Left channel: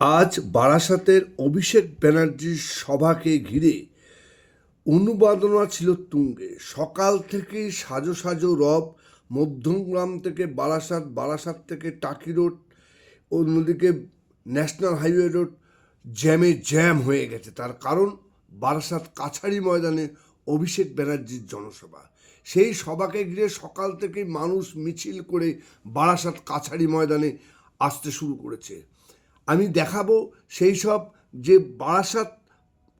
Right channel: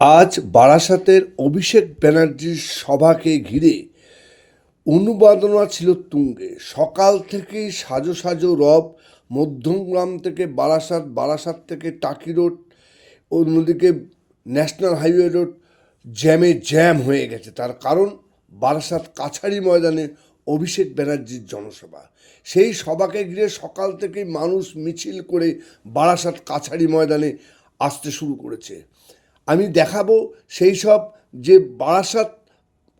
আজ বারাসাতের অভিষেক ব্যানার্জির সভাকে ঘিরে উন্মাদনা ছিল তুঙ্গে। সকাল থেকেই সাজো সাজো রব। মধ্যমগ্রাম থেকে বারাসাত, বারাসাত থেকে টাকি রোড, অন্যদিকে ন্যাশনাল হাইওয়ে রোড জ্যাম হয়ে গেছে। তার কারণ বারাসাত কাছারি ময়দানে অভিষেক ব্যানার্জির জনসভা। সেই সভাকে ঘিরে সকাল থেকেই মানুষ মিছিল করে বারাসাত কাছারি ময়দানে আসতে শুরু করেছে। আমি দেখাবো সেই সব যে বারাসাত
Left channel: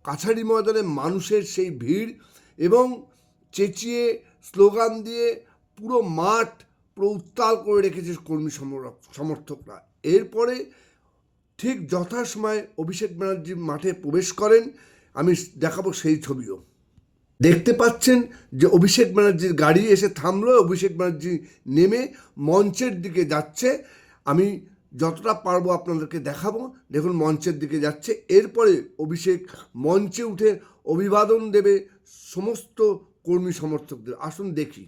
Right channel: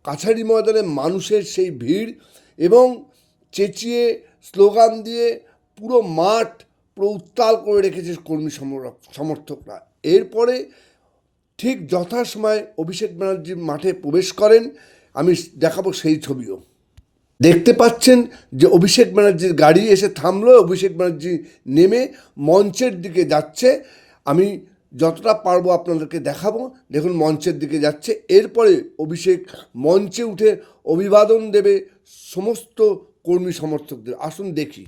কাছারি ময়দানে মানুষের সেই ভিড় এবং চেঁচিয়ে স্লোগান দিয়ে পুরো মাঠ পুরো উত্তাল করে রেখেছে কর্মী সমর্থকরা। এরপরে ঠিক যথাসময়ে অভিষেক ব্যানার্জি মাঠে প্রবেশ করেন। আমি দেখাবো সেই ছবিও। দেখতে পাচ্ছেন যে অভিষেক ব্যানার্জির গাড়ি এসে থামলো। অভিষেক ব্যানার্জি নেমে মঞ্চের দিকে যাচ্ছে। আমি যতটা পারবো আপনাদেরকে দেখাবো। দেখুন মঞ্চের দিকে যাচ্ছে। এরপরে অভিষেক মঞ্চে উঠে অভিবাদন দেবে সমস্ত কর্মী সমর্থকদের। আসুন দেখি।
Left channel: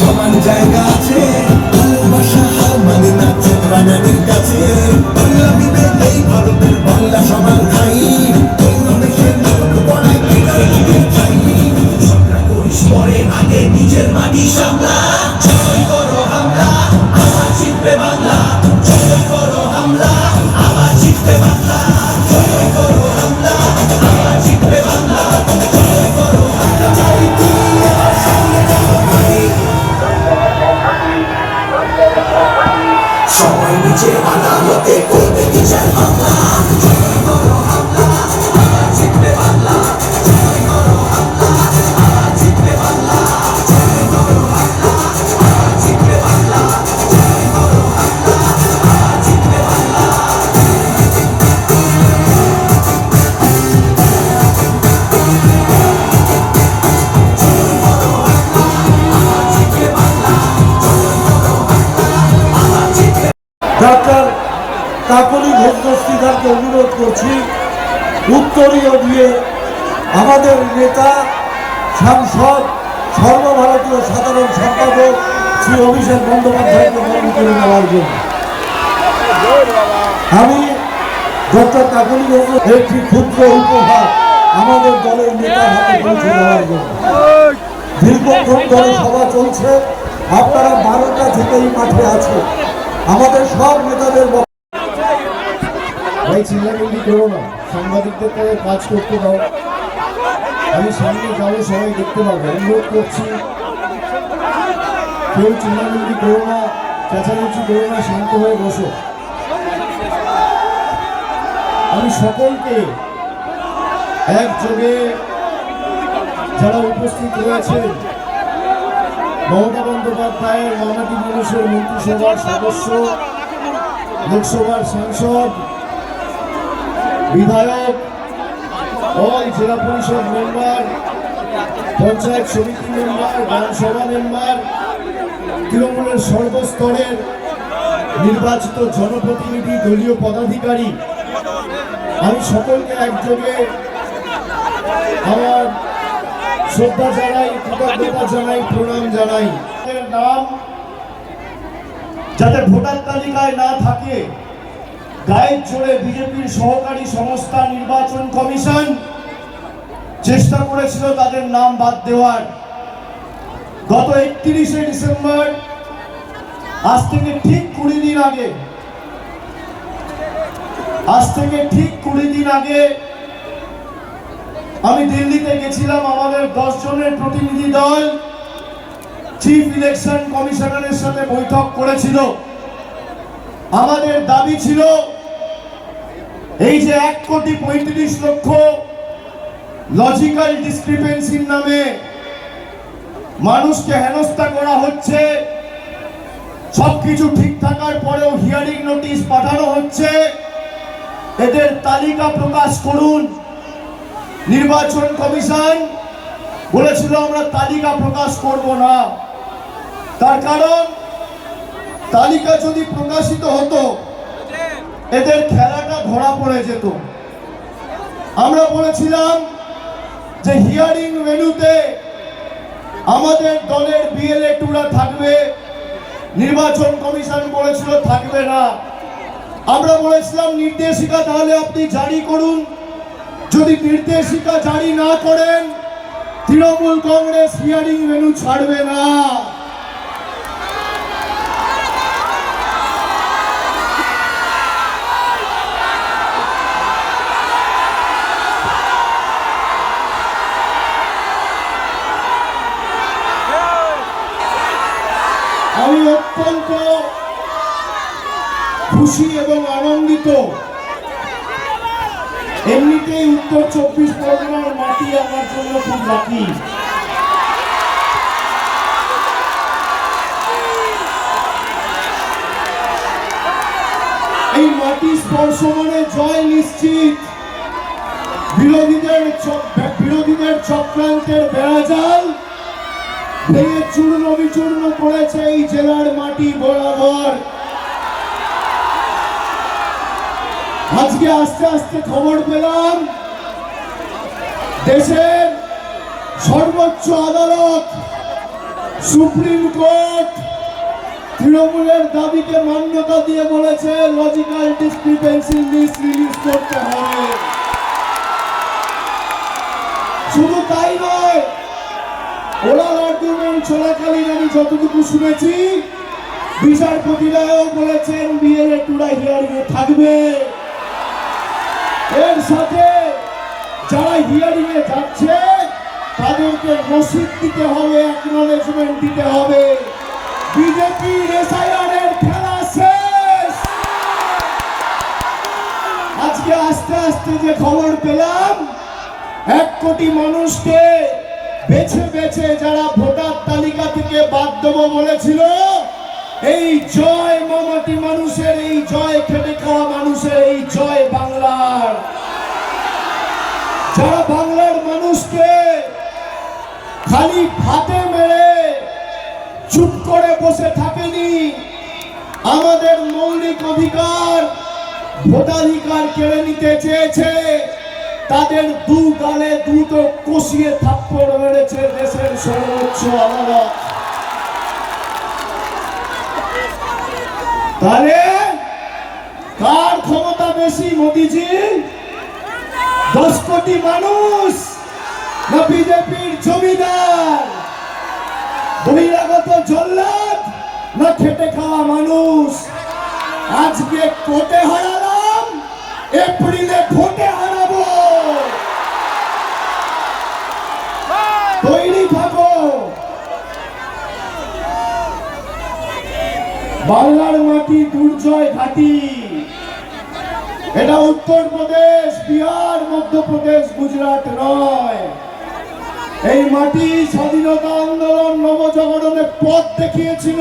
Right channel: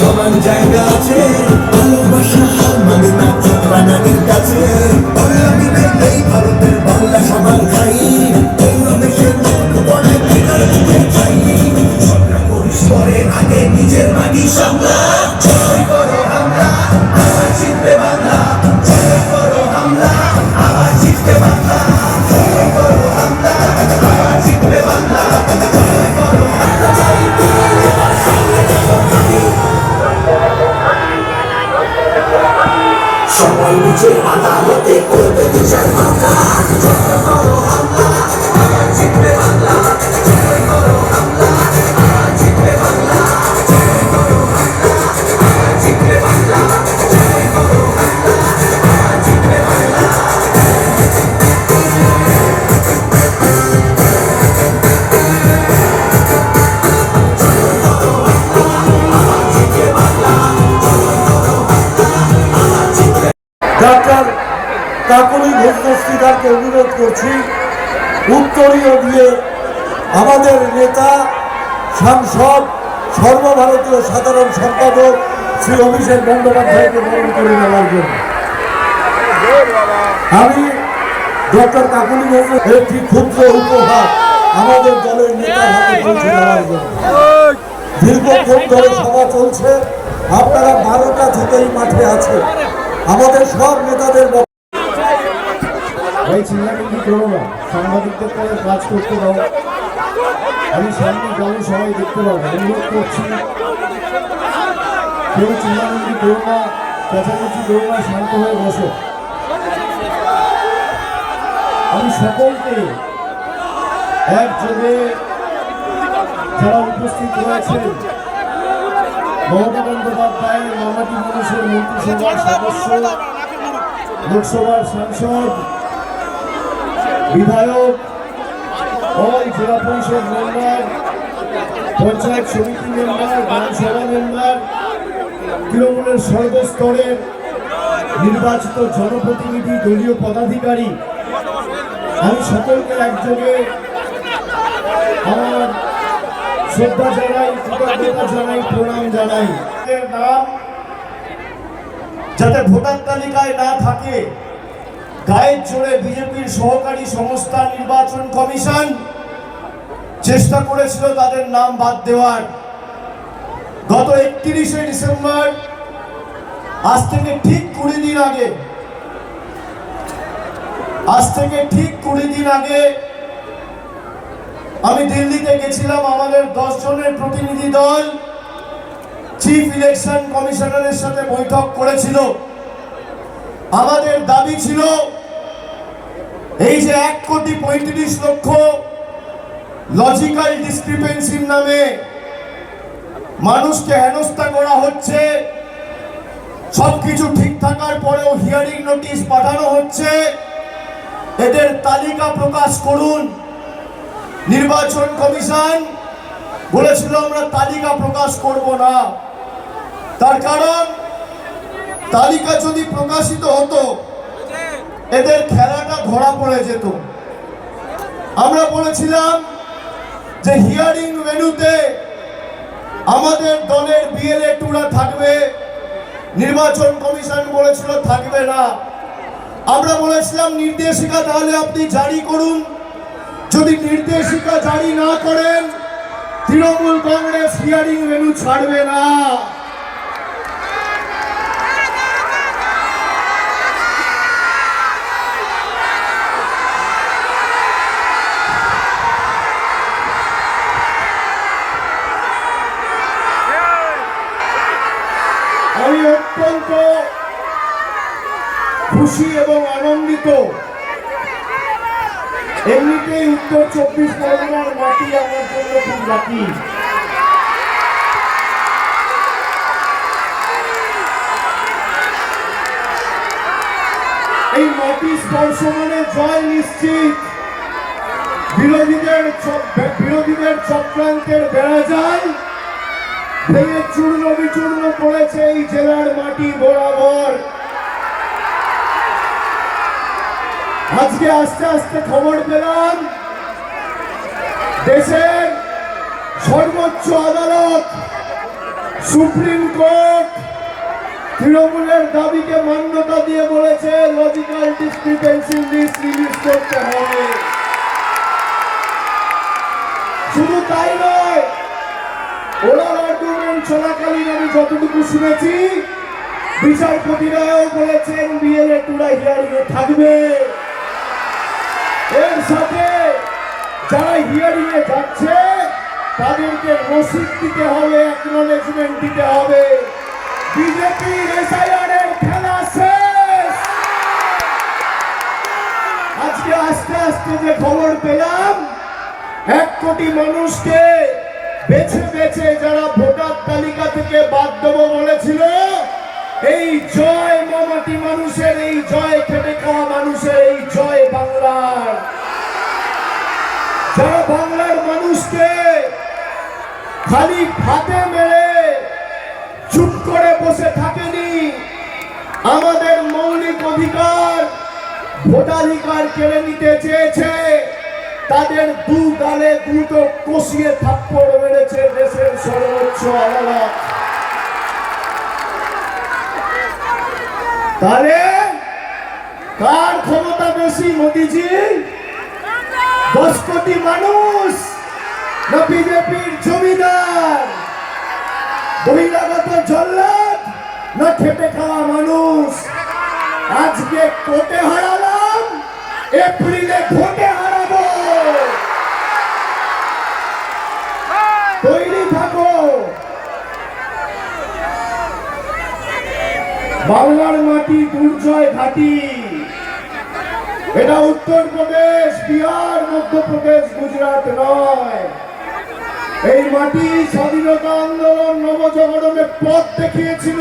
সমান জায়গা আছে ভালোবাসা হার মানে না প্রাণীর কাছে বাংলা মিলে এই ভারতের বাংলা সমান ভাই আগে নিজের মাটি সামলা জয় করো হামলা আবার জিতবে বাংলা জয় করো হামলা আবার জিতবে বাংলা জয় করো হামলা আবার জিতবে বাংলা জয় করো হামলা সবাই নিজের আদালতে করবে বিচার বাংলা জয় করো হামলা আবার জিতবে বাংলা জয় করো হামলা আবার জিতবে বাংলা জয় করো হামলা আবার জিতবে বাংলা জয় করো হামলা আবার জিতবে বাংলা ডাক্তার কাকলি ঘোষদস্তিদারকে অনুরোধ করছি উত্তরীয় দিয়ে আমাদের নেতা সাংসদ সর্বভারতীয় সাধারণ সম্পাদক শ্রী অভিষেক বন্দ্যোপাধ্যায়কে বরণ করে নেওয়ার জন্য। আমি ডক্টর কাকলি ঘোষ একটি ক্ষুদ্র উপহার আমাদের দলের নেতার হাতে পৌঁছে দেওয়ার জন্য। দীর্ঘক্ষণ ধরে সভা চলছে, আপনারা 12টা থেকেই মাঠে আছে। আমাদের সব নেতাদের চিল্লামিল্লি করো না, সাংবাদিকদের পরে কাজ করতে দাও। আমি সামনে যাবো, সবাই দেখতে পাবো। অনুরোধ করছি কেউ চিল্লামিল্লি করো না, চেঁচামেচি করো না, শান্ত হয়ে বসো। আমি সকলকে একযোগে যারা উপস্থিত রয়েছেন, মমতা বন্দ্যোপাধ্যায়ের মামাটি মানুষের মন্ত্রিসভার সদস্য, লোকসভার সাংসদ, বিধায়ক, অল জেলা পরিষদ মেম্বার, পঞ্চায়েত সমিতি মেম্বার, গ্রামসভা মেম্বার, তৃণমূলের সর্বস্তরের নির্বাচিত জনপ্রতিনিধি, দলীয় পদাধিকারী, আমি সকলকে একযোগে আমার শ্রদ্ধা জানাই, কৃতজ্ঞতা জানাই, প্রণাম জানাই। নাম যাতে ভোটার তালিকায় না থাকে, গায়ের জোরে বিজেপির সহকারী সংস্থা নির্বাচন কমিশন চেষ্টা করেছিল তাদের নাম বাদ দেওয়ার। গত 31শে ডিসেম্বর, আজ থেকে ঠিক 20 দিন আগে আমি দিল্লিতে গেছিলাম। আমাদের 10 জনের প্রতিনিধি দল চিফ ইলেকশন কমিশনারের সাথে বৈঠক করেছিল। আমাদের দাবি ছিল এই যে 1,35,00,000 লজিক্যাল ডিসক্রিপেন্সির নামে মানুষকে হেনস্থা করা হচ্ছে, সবকিছু ঠিক থাকার পরেও হিয়ারিং নোটিশ পাঠানো হচ্ছে, এদের তালিকা প্রকাশ করুন। নির্বাচন কমিশন বলেছিল আমরা তালিকা প্রকাশ করব না, তার কারণ তালিকা যদি প্রকাশিত হতো এদের খেলাটা ধরা পড়ে যেত। আমরা বলেছিলাম যে হিয়ারিং ভেন্যুতে আমাদের দলের বিএলএ-2রা থাকবে, নির্বাচন কমিশন বলেছিল থাকবে না। আমরা বলেছিলাম নির্দেশিকা তাহলে আপনি জারি করুন, যদি নির্দেশিকা জারি না করেন তৃণমূল কংগ্রেস হিয়ারিং ভেন্যু ছাড়বে না। আমি অত্যন্ত খুশি এবং আনন্দিত। এমনিতেই উত্তর 24 পরগনার মাটি আমার জন্য খুব লাকি। এই মাটি স্পর্শ মানে জয় নিশ্চিত। বিরোধীদের চক্রান্তের বেড়াজাল ভেঙে চূর্ণ বিচূর্ণ পড়েছে এই জেলার মাটি বরাবর। আজকে আস্তে আস্তে খবর পেলাম দেশের সর্বোচ্চ আদালত সুপ্রিম কোর্ট তৃণমূলের দাবিকে মান্যতা দিয়ে বলেছে লজিক্যাল ডিসক্রিপেন্সি লিস্ট রিলিজ করতে হবে। শুধু তাই নয়, ওরাল আর্গুমেন্ট চলাকালীন আমি যতটুকু শুনেছি বিচারপতিরাও বলেছেন বিএলএ-2রা হিয়ারিং এ থাকবে। এর সাথে যারা হিয়ারিং এ যাচ্ছে তাদেরকে রসিদ দিতে হবে, অ্যাকনলেজমেন্ট দিতে হবে। বিজেপির এসআইআর এর খেলা শেষ। আজকে আস্তে আস্তে যে খবর পেলাম 1 কোটি মানুষকে বেছে বেছে যারা ভোটার তালিকা থেকে বাদ দেব বলেছিল, এই জয় মমতি মানুষের, এই জয় খেটে খাওয়া মানুষের, এই জয় বাংলার। যারা বাংলার মানুষকে খালি ভাতে মেরে চুপ করে বসে থাকেনি, আমাদের মৌলিক অধিকার ভোটাধিকার কেড়ে নিতে চেয়েছে, তাদের দু গালে দুটো কষিয়ে থাপ্পড় মেরেছে দেশের সর্বোচ্চ আদালত। তাহলে কার ক্ষমতা বেশি, মোদিজি 10 কোটি মানুষ না বিজেপির জমিদার, বহিরাগত জল্লাদ না খেটে খাওয়া মানুষ? আজকে কোর্টে হারালাম, এপ্রিলে ভোটে হারাবো। তৈরি থাকো। বাংলার মাটি দুর্জয় ঘাটি। এটা উত্তরপ্রদেশ, বিহার, মধ্যপ্রদেশ, গুজরাট নয়। এই মাটি স্বাধীনতা আন্দোলন নবজাগরণের পথ দেখিয়েছিল।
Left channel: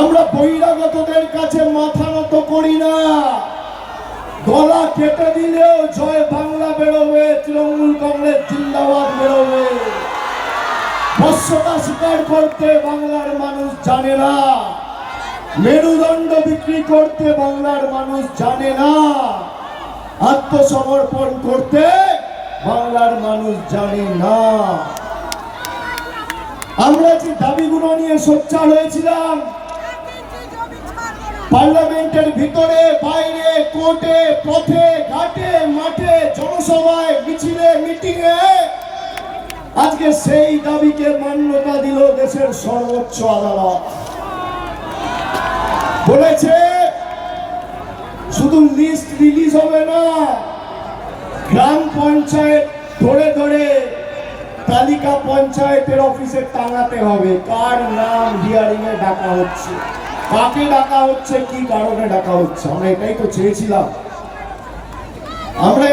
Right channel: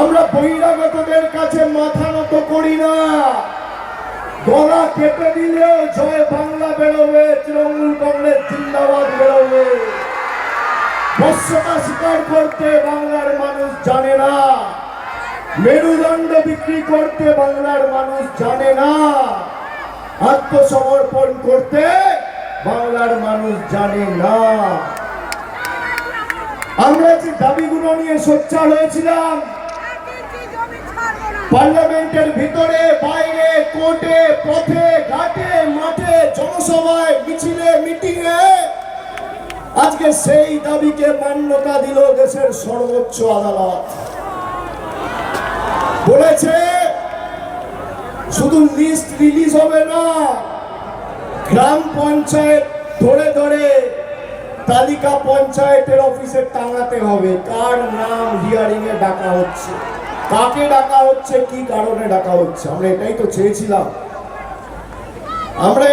আমরা বহিরাগতদের কাছে মাথা নত করি না। গলা কেটে দিলেও জয় বাংলা বেরোবে, তৃণমূল কংগ্রেস জিন্দাবাদ বেরোবে। বশ্যতা স্বীকার করতে বাংলার মানুষ জানে না, মেরুদণ্ড বিক্রি করতে বাংলার মানুষ জানে না, আত্মসমর্পণ করতে বাংলার মানুষ জানে না। আমরা যে দাবিগুলো নিয়ে সোচ্চার হয়েছিলাম, পার্লামেন্টের ভিতরে বাইরে, কোর্টে, পথে, ঘাটে, মাঠে, জনসভায়, মিছিলে, মিটিংয়ে, আজকে সেই দাবিকে মান্যতা দিল দেশের সর্বোচ্চ আদালত। বলেছে শুধু লিস্ট রিলিজ হবে না, গ্রাম পঞ্চায়েত ধরে ধরে তালিকা পঞ্চায়েতের অফিসে টাঙাতে হবে কার নাম হিয়ারিং এ ডাকা হচ্ছে, কাকে ডাকা হচ্ছে, কি কারণে ডাকা হচ্ছে। আমরা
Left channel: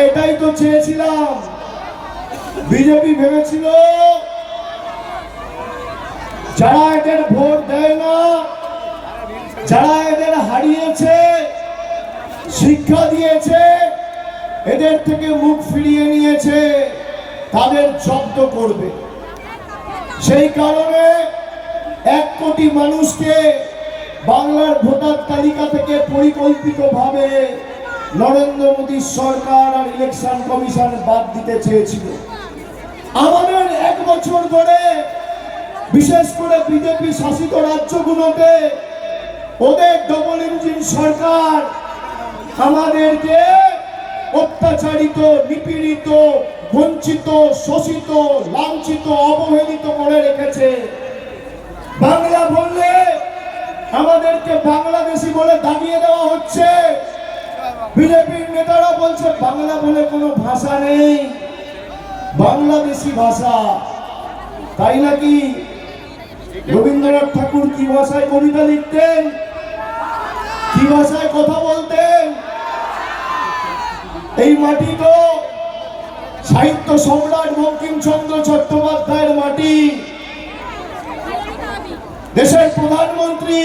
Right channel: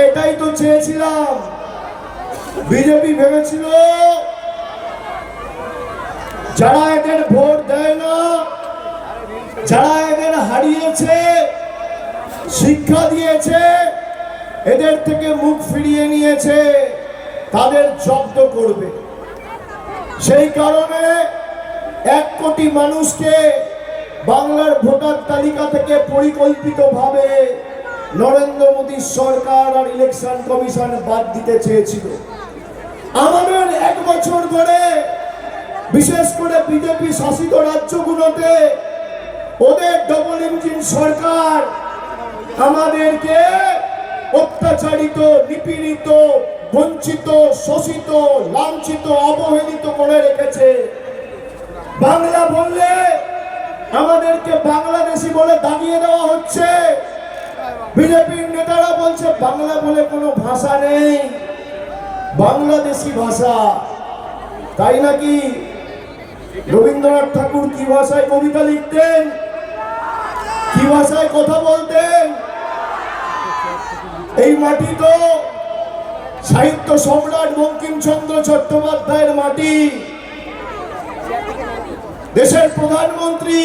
এটাই তো চেয়েছিলাম। বিজেপি ভেবেছিল যারা এদের ভোট দেয় না, যারা এদের হারিয়েছে, শিক্ষা দিয়েছে, এদের থেকে মুখ ফিরিয়ে নিয়েছে, তাদের জব্দ করবে। সেই কারণে 1 কোটি মানুষকে বাংলার ভোটার তালিকা থেকে পরিকল্পিতভাবে নরেন্দ্র মোদী সরকার আর ইলেকশন কমিশন বাদ দিতে চেয়েছিল। আমাদের 1 বছর ধরে বিশেষ করে বিজেপি শাসিত রাজ্যগুলোতে ওদের ডবল ইঞ্জিন সরকার আমাদেরকে অত্যাচারিত, নিপীড়িত, বঞ্চিত, শোষিত, লাঞ্ছিত, অবহেলিত করে রেখেছে। বাংলা বললে আমাদেরকে বাংলাদেশি বলে দাগিয়ে দেওয়া হচ্ছে। বিজেপির নেতারা বলছে বাংলা বলে কোনো ভাষা নেই, বাংলাদেশি ভাষা। তাই নাকি? রবীন্দ্রনাথ ঠাকুর কি ভাষায় কবিতা লিখতেন, কি ভাষায় কথা বলতেন? এই মাটি তো সাহিত্য সম্রাট বঙ্কিমচন্দ্র চট্টোপাধ্যায়ের মাটি। দেশের প্রধানমন্ত্রী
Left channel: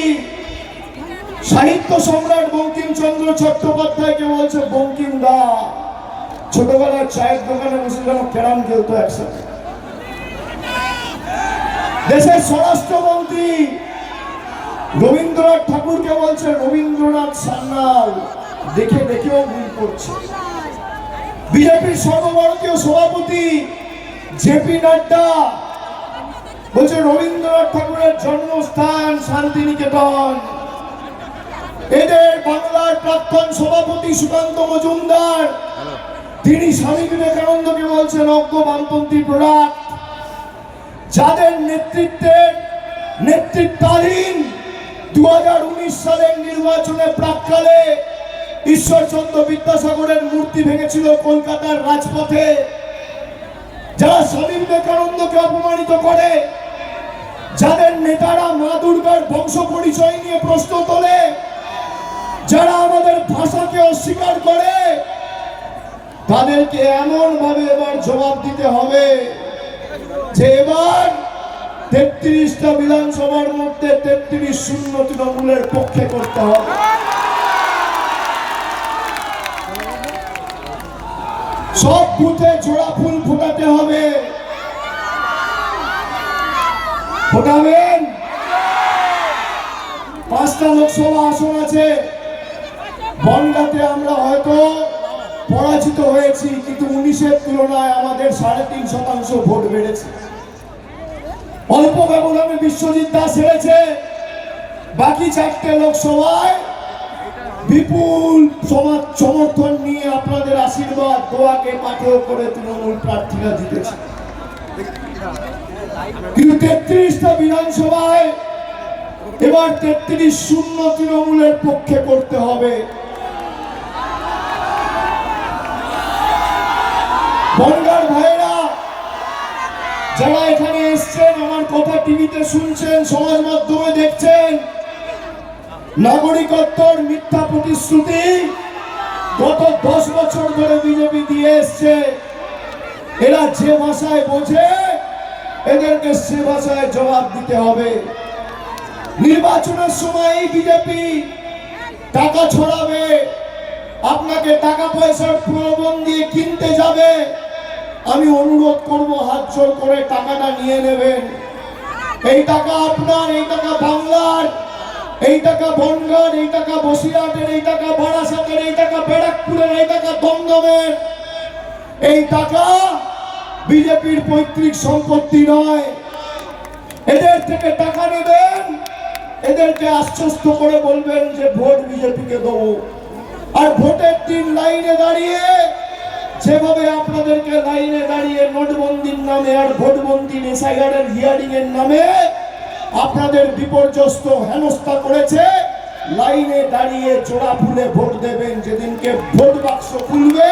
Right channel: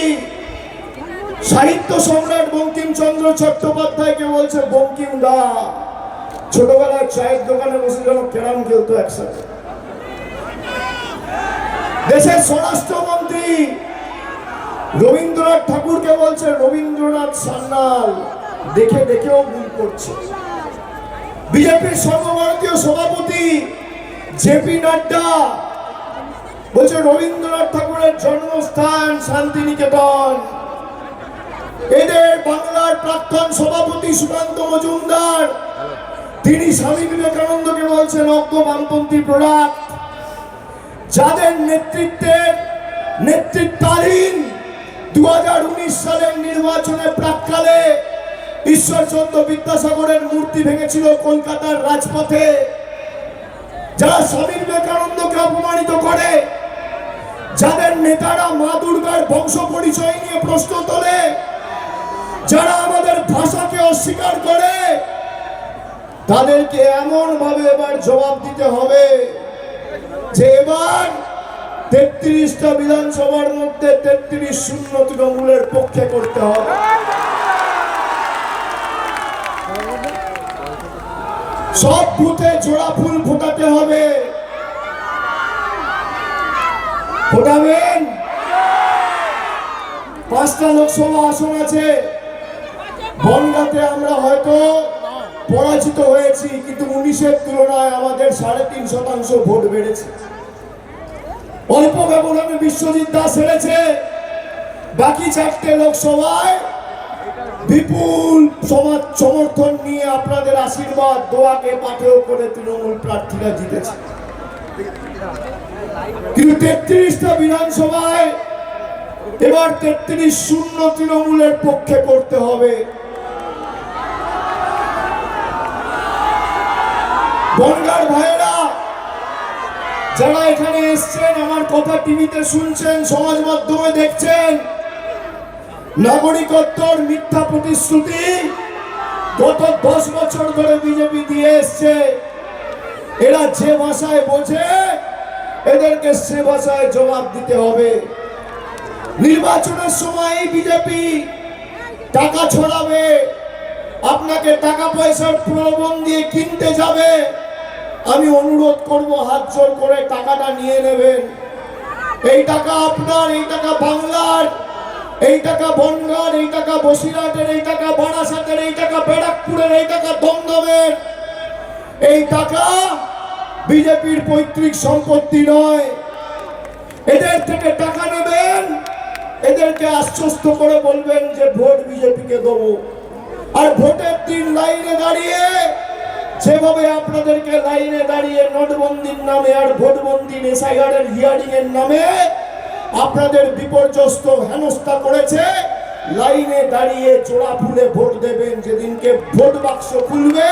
সাহিত্য সম্রাট বঙ্কিমচন্দ্র চট্টোপাধ্যায়কে বলছে বঙ্কিম দা। ছোটবেলায় চায়ের দোকানে বসে যেন ক্যারাম খেলতো একসাথে। দেশের স্বরাষ্ট্রমন্ত্রী রবীন্দ্রনাথ ঠাকুরকে বলছে রবীন্দ্রনাথ সান্যাল। দেখেও ভুল করছে। বিজেপির সর্বভারতীয় সভাপতি জেপি নাড্ডা বলছে রবীন্দ্রনাথ ঠাকুরের জন্মস্থান শান্তিনিকেতন। এদের বাংলার প্রাক্তন সভাপতি সুকান্ত মজুমদার তিনি স্বামী বিবেকানন্দকে বলছেন অজ্ঞ বামপন্থী প্রোডাক্ট। যাদের নেতৃত্বাধীন 2019 সালের নির্বাচনের প্রাক্কালে ঈশ্বরচন্দ্র বিদ্যাসাগরের মূর্তি ভেঙেছিল কলকাতার রাজপথে, যারা স্বামী বিবেকানন্দকে অপমানিত করে, যাদের নেতারা মা দুর্গার বংশ পরিচয় নিয়ে প্রশ্ন তোলে, যারা আমাদের ভাষাকে অস্বীকার করে, তাদেরকে এমন ভাবে এবার জবাব দিতে হবে যে এবার 33টা বিধানসভার মধ্যে 33 শূন্য তৃণমূলের পক্ষে করতে হবে। সব বুথে জোড়া ফুল ফোটাতে হবে। ফোটাবেন? 5টা লোকসভা আসন আছে। বনগাঁতে আমরা হয়তো পরাজিত হয়েছি, কিন্তু 19-এর তুলনায় আমাদের 3.5% ভোট বেড়েছে। অল্প ব্যবধানে বিশ্বজিৎ দাস হেরেছে। বাকি 4টে লোকসভায় বিপুল সমর্থন নিয়ে আপনাদের আশীর্বাদ দোয়াকে পাথেয় করে তৃণমূল প্রার্থীরা জিতেছে। কিন্তু 33টা বিধানসভায় এবার 33 শূন্য তৃণমূলের পক্ষে করতে হবে। বনগাঁর ভাইয়েরা যারা এখানে এসছেন, আমার কথা টিভিতে শুনছেন, সমাজ মাধ্যমে দেখছেন, নাগরিকত্বর মিথ্যা প্রতিশ্রুতি গত 10 বছর ধরে বিজেপি দিয়ে এসছে। এরা যে ভাষায় বোঝে এদেরকে সে ভাষায় জবাব দিতে হবে। নির্বাচনের সময় বিজেপি টাকা ছড়াবে, আপনাকে টাকা পয়সার প্রলোভন দিয়ে কিনতে যাবে। আমি অনুরোধ করব হাত জোর করে টাকাটা নিয়ে নেবেন। এই টাকা আপনার, এই টাকা বাংলার, এই টাকা বনগাঁর, এই টাকা বসিরহাটের, এই টাকা বারাসাতের, এই টাকা ব্যারাকপুরের, এই টাকা দমদমের। এই টাকা বিজেপির পৈতৃক সম্পত্তি নয়। এদের থেকে টাকা নেবেন, এদেরকে আশ্বস্ত করে বলবেন যে ভোট বিজেপিকে দেবো। আর ভোটের দিন লাইনে দাঁড়িয়ে যেভাবে আপনাদেরকে লাইনে দাঁড়িয়ে নোটবন্দির নামে আর ভোটবন্দি এসআইআরের হিয়ারিং এর নামে আপনাদের বিপর্যস্ত হেনস্থা করেছে, লাইনে দাঁড়িয়ে জোড়া ফুলে ভোট দেবেন। যেদিনকে ভোট বাক্স খুলবে,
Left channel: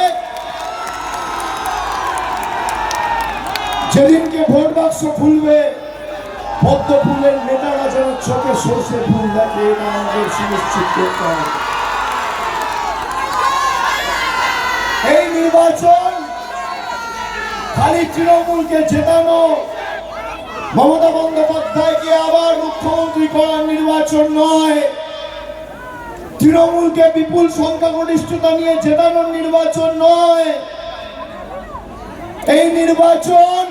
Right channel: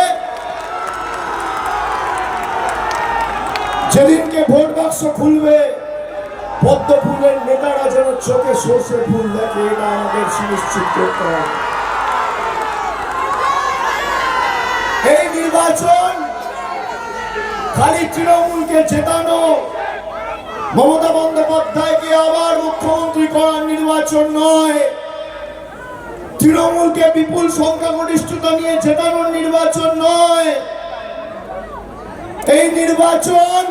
যেদিনকে ভোট বাক্স খুলবে পদ্ম ফুলের নেতারা যেন চোখে সর্ষে ফুল দেখে, এটা আমাদের সুনিশ্চিত করতে হবে। এই নির্বাচন খালি তৃণমূলকে জেতানো, মমতা বন্দ্যোপাধ্যায়কে আবার মুখ্যমন্ত্রী করার নির্বাচন নয়, তৃণমূলকে বিপুল সংখ্যাগরিষ্ঠতা নিয়ে জেতানোর নির্বাচন নয়। এই নির্বাচন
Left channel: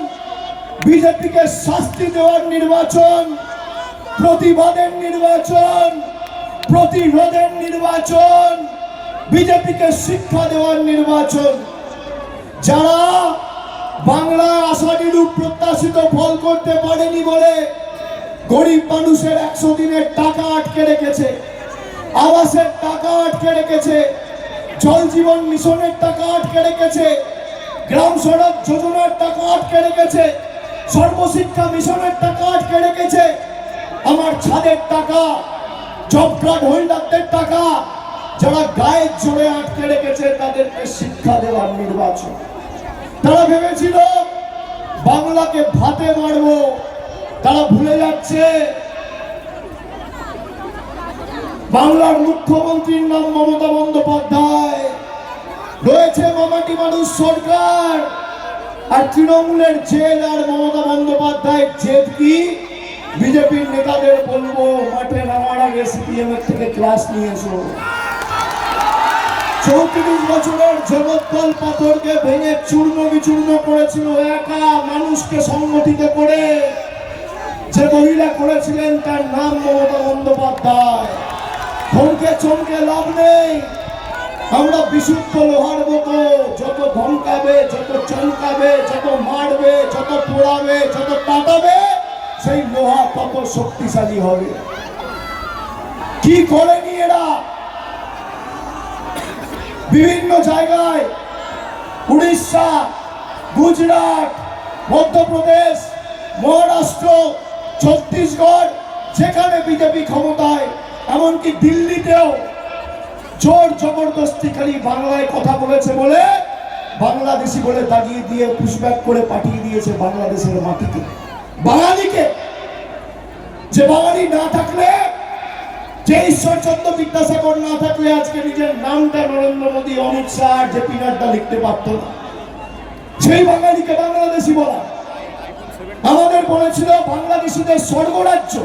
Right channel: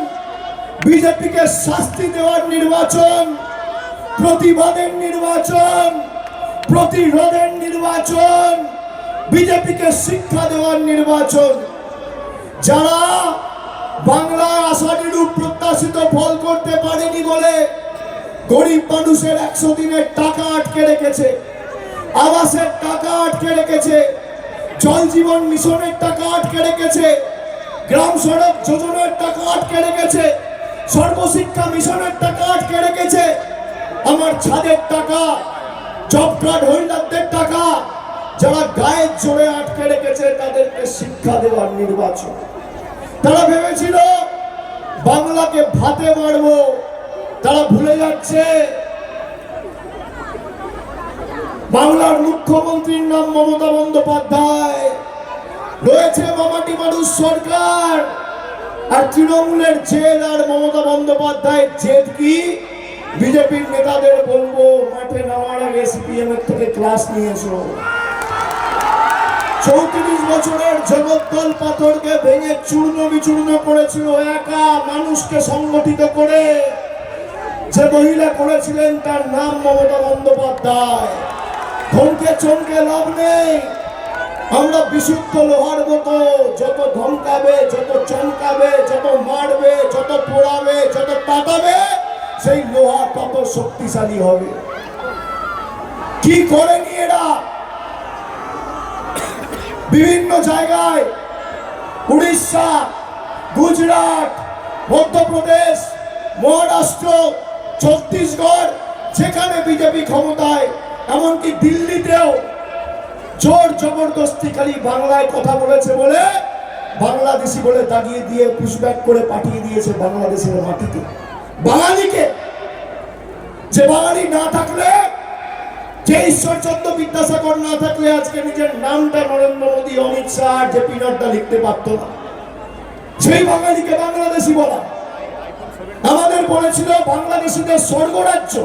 বিজেপিকে শাস্তি দেওয়ার নির্বাচন, প্রতিবাদের নির্বাচন, প্রতিরোধের নির্বাচন, বিজেপিকে শিক্ষা দেওয়ার নির্বাচন। যারা বাংলার আশানুরূপ প্রত্যাশিত ফল করতে পারেনি বলে গরিব মানুষের 100 দিনের টাকা আটকে রেখেছে, আবাসের টাকা আটকে রেখেছে, জল জীবন মিশনের টাকা আটকে রেখেছে, গ্রাম সড়ক যোজনার টাকা আটকে রেখেছে, সর্বশিক্ষা মিশনের টাকা আটকে রেখেছে, আমার ছাদের টাকা, জব কার্ড হোল্ডারদের টাকা যারা গায়ের জোরে আটকে রেখেছে তাদেরকে শিক্ষা দেওয়ার নির্বাচন। তারা ভেবেছিল বাংলাকে ভাতে মারবো, তারা ভুলে যাচ্ছে বাংলার মুখ্যমন্ত্রীর নাম মমতা বন্দ্যোপাধ্যায়, রয়েছে মামাটি মানুষ সরকার, আর তৃণমূলের জেল আর মমতা বন্দ্যোপাধ্যায়ের জেদ কি? বিজেপির নেতাদের বলবো মাঠে নামার আগে সিপিএম এর থেকে ক্লাস নিয়ে এসো। 34 বছরের জগদ্দল পাথরকে ভেঙে চূর্ণ বিচূর্ণ করেছিল একা মানুষকে সংগঠিত করে, যে মহিলা করেছিলেন তার নাম মমতা বন্দ্যোপাধ্যায়। ধমকে চমকে লাভ নেই, আমরা বিশুদ্ধ লোহার মতো, যত ধমকাবে, যত চমকাবে, যত মারবে, যত পোড়াবে, যত কাটাবে, সেই লোহা তত শক্তিশালী হবে। কি করেনি এরা? বিভিন্ন জায়গায় উড়িষ্যা, গুজরাট, মধ্যপ্রদেশ, মহারাষ্ট্র, ছত্তিশগড়, যেখানে বিজেপি ক্ষমতায়, এমনকি দিল্লিতেও জোর জবরদস্তিকারী বাংলায় কথা বলেছে বলে বাংলাদেশি বলে দাগিয়ে দিয়ে পুশব্যাক করে পাঠিয়ে দিয়েছে বাংলাদেশের মাটিতে বাঙালিকে। যে বাঙালি না থাকলে, যে ঈশ্বরচন্দ্র বিদ্যাসাগর না থাকলে আজকে নিজের নামটা নরেন্দ্র মোদী, অমিত শাহ, জেপি নাড্ডা লিখতে পারত না। সেই বাঙালিকে বাংলাদেশি বলা। আমাদের বলেছিল বাংলাদেশিদের স্বর্গরাজ্য।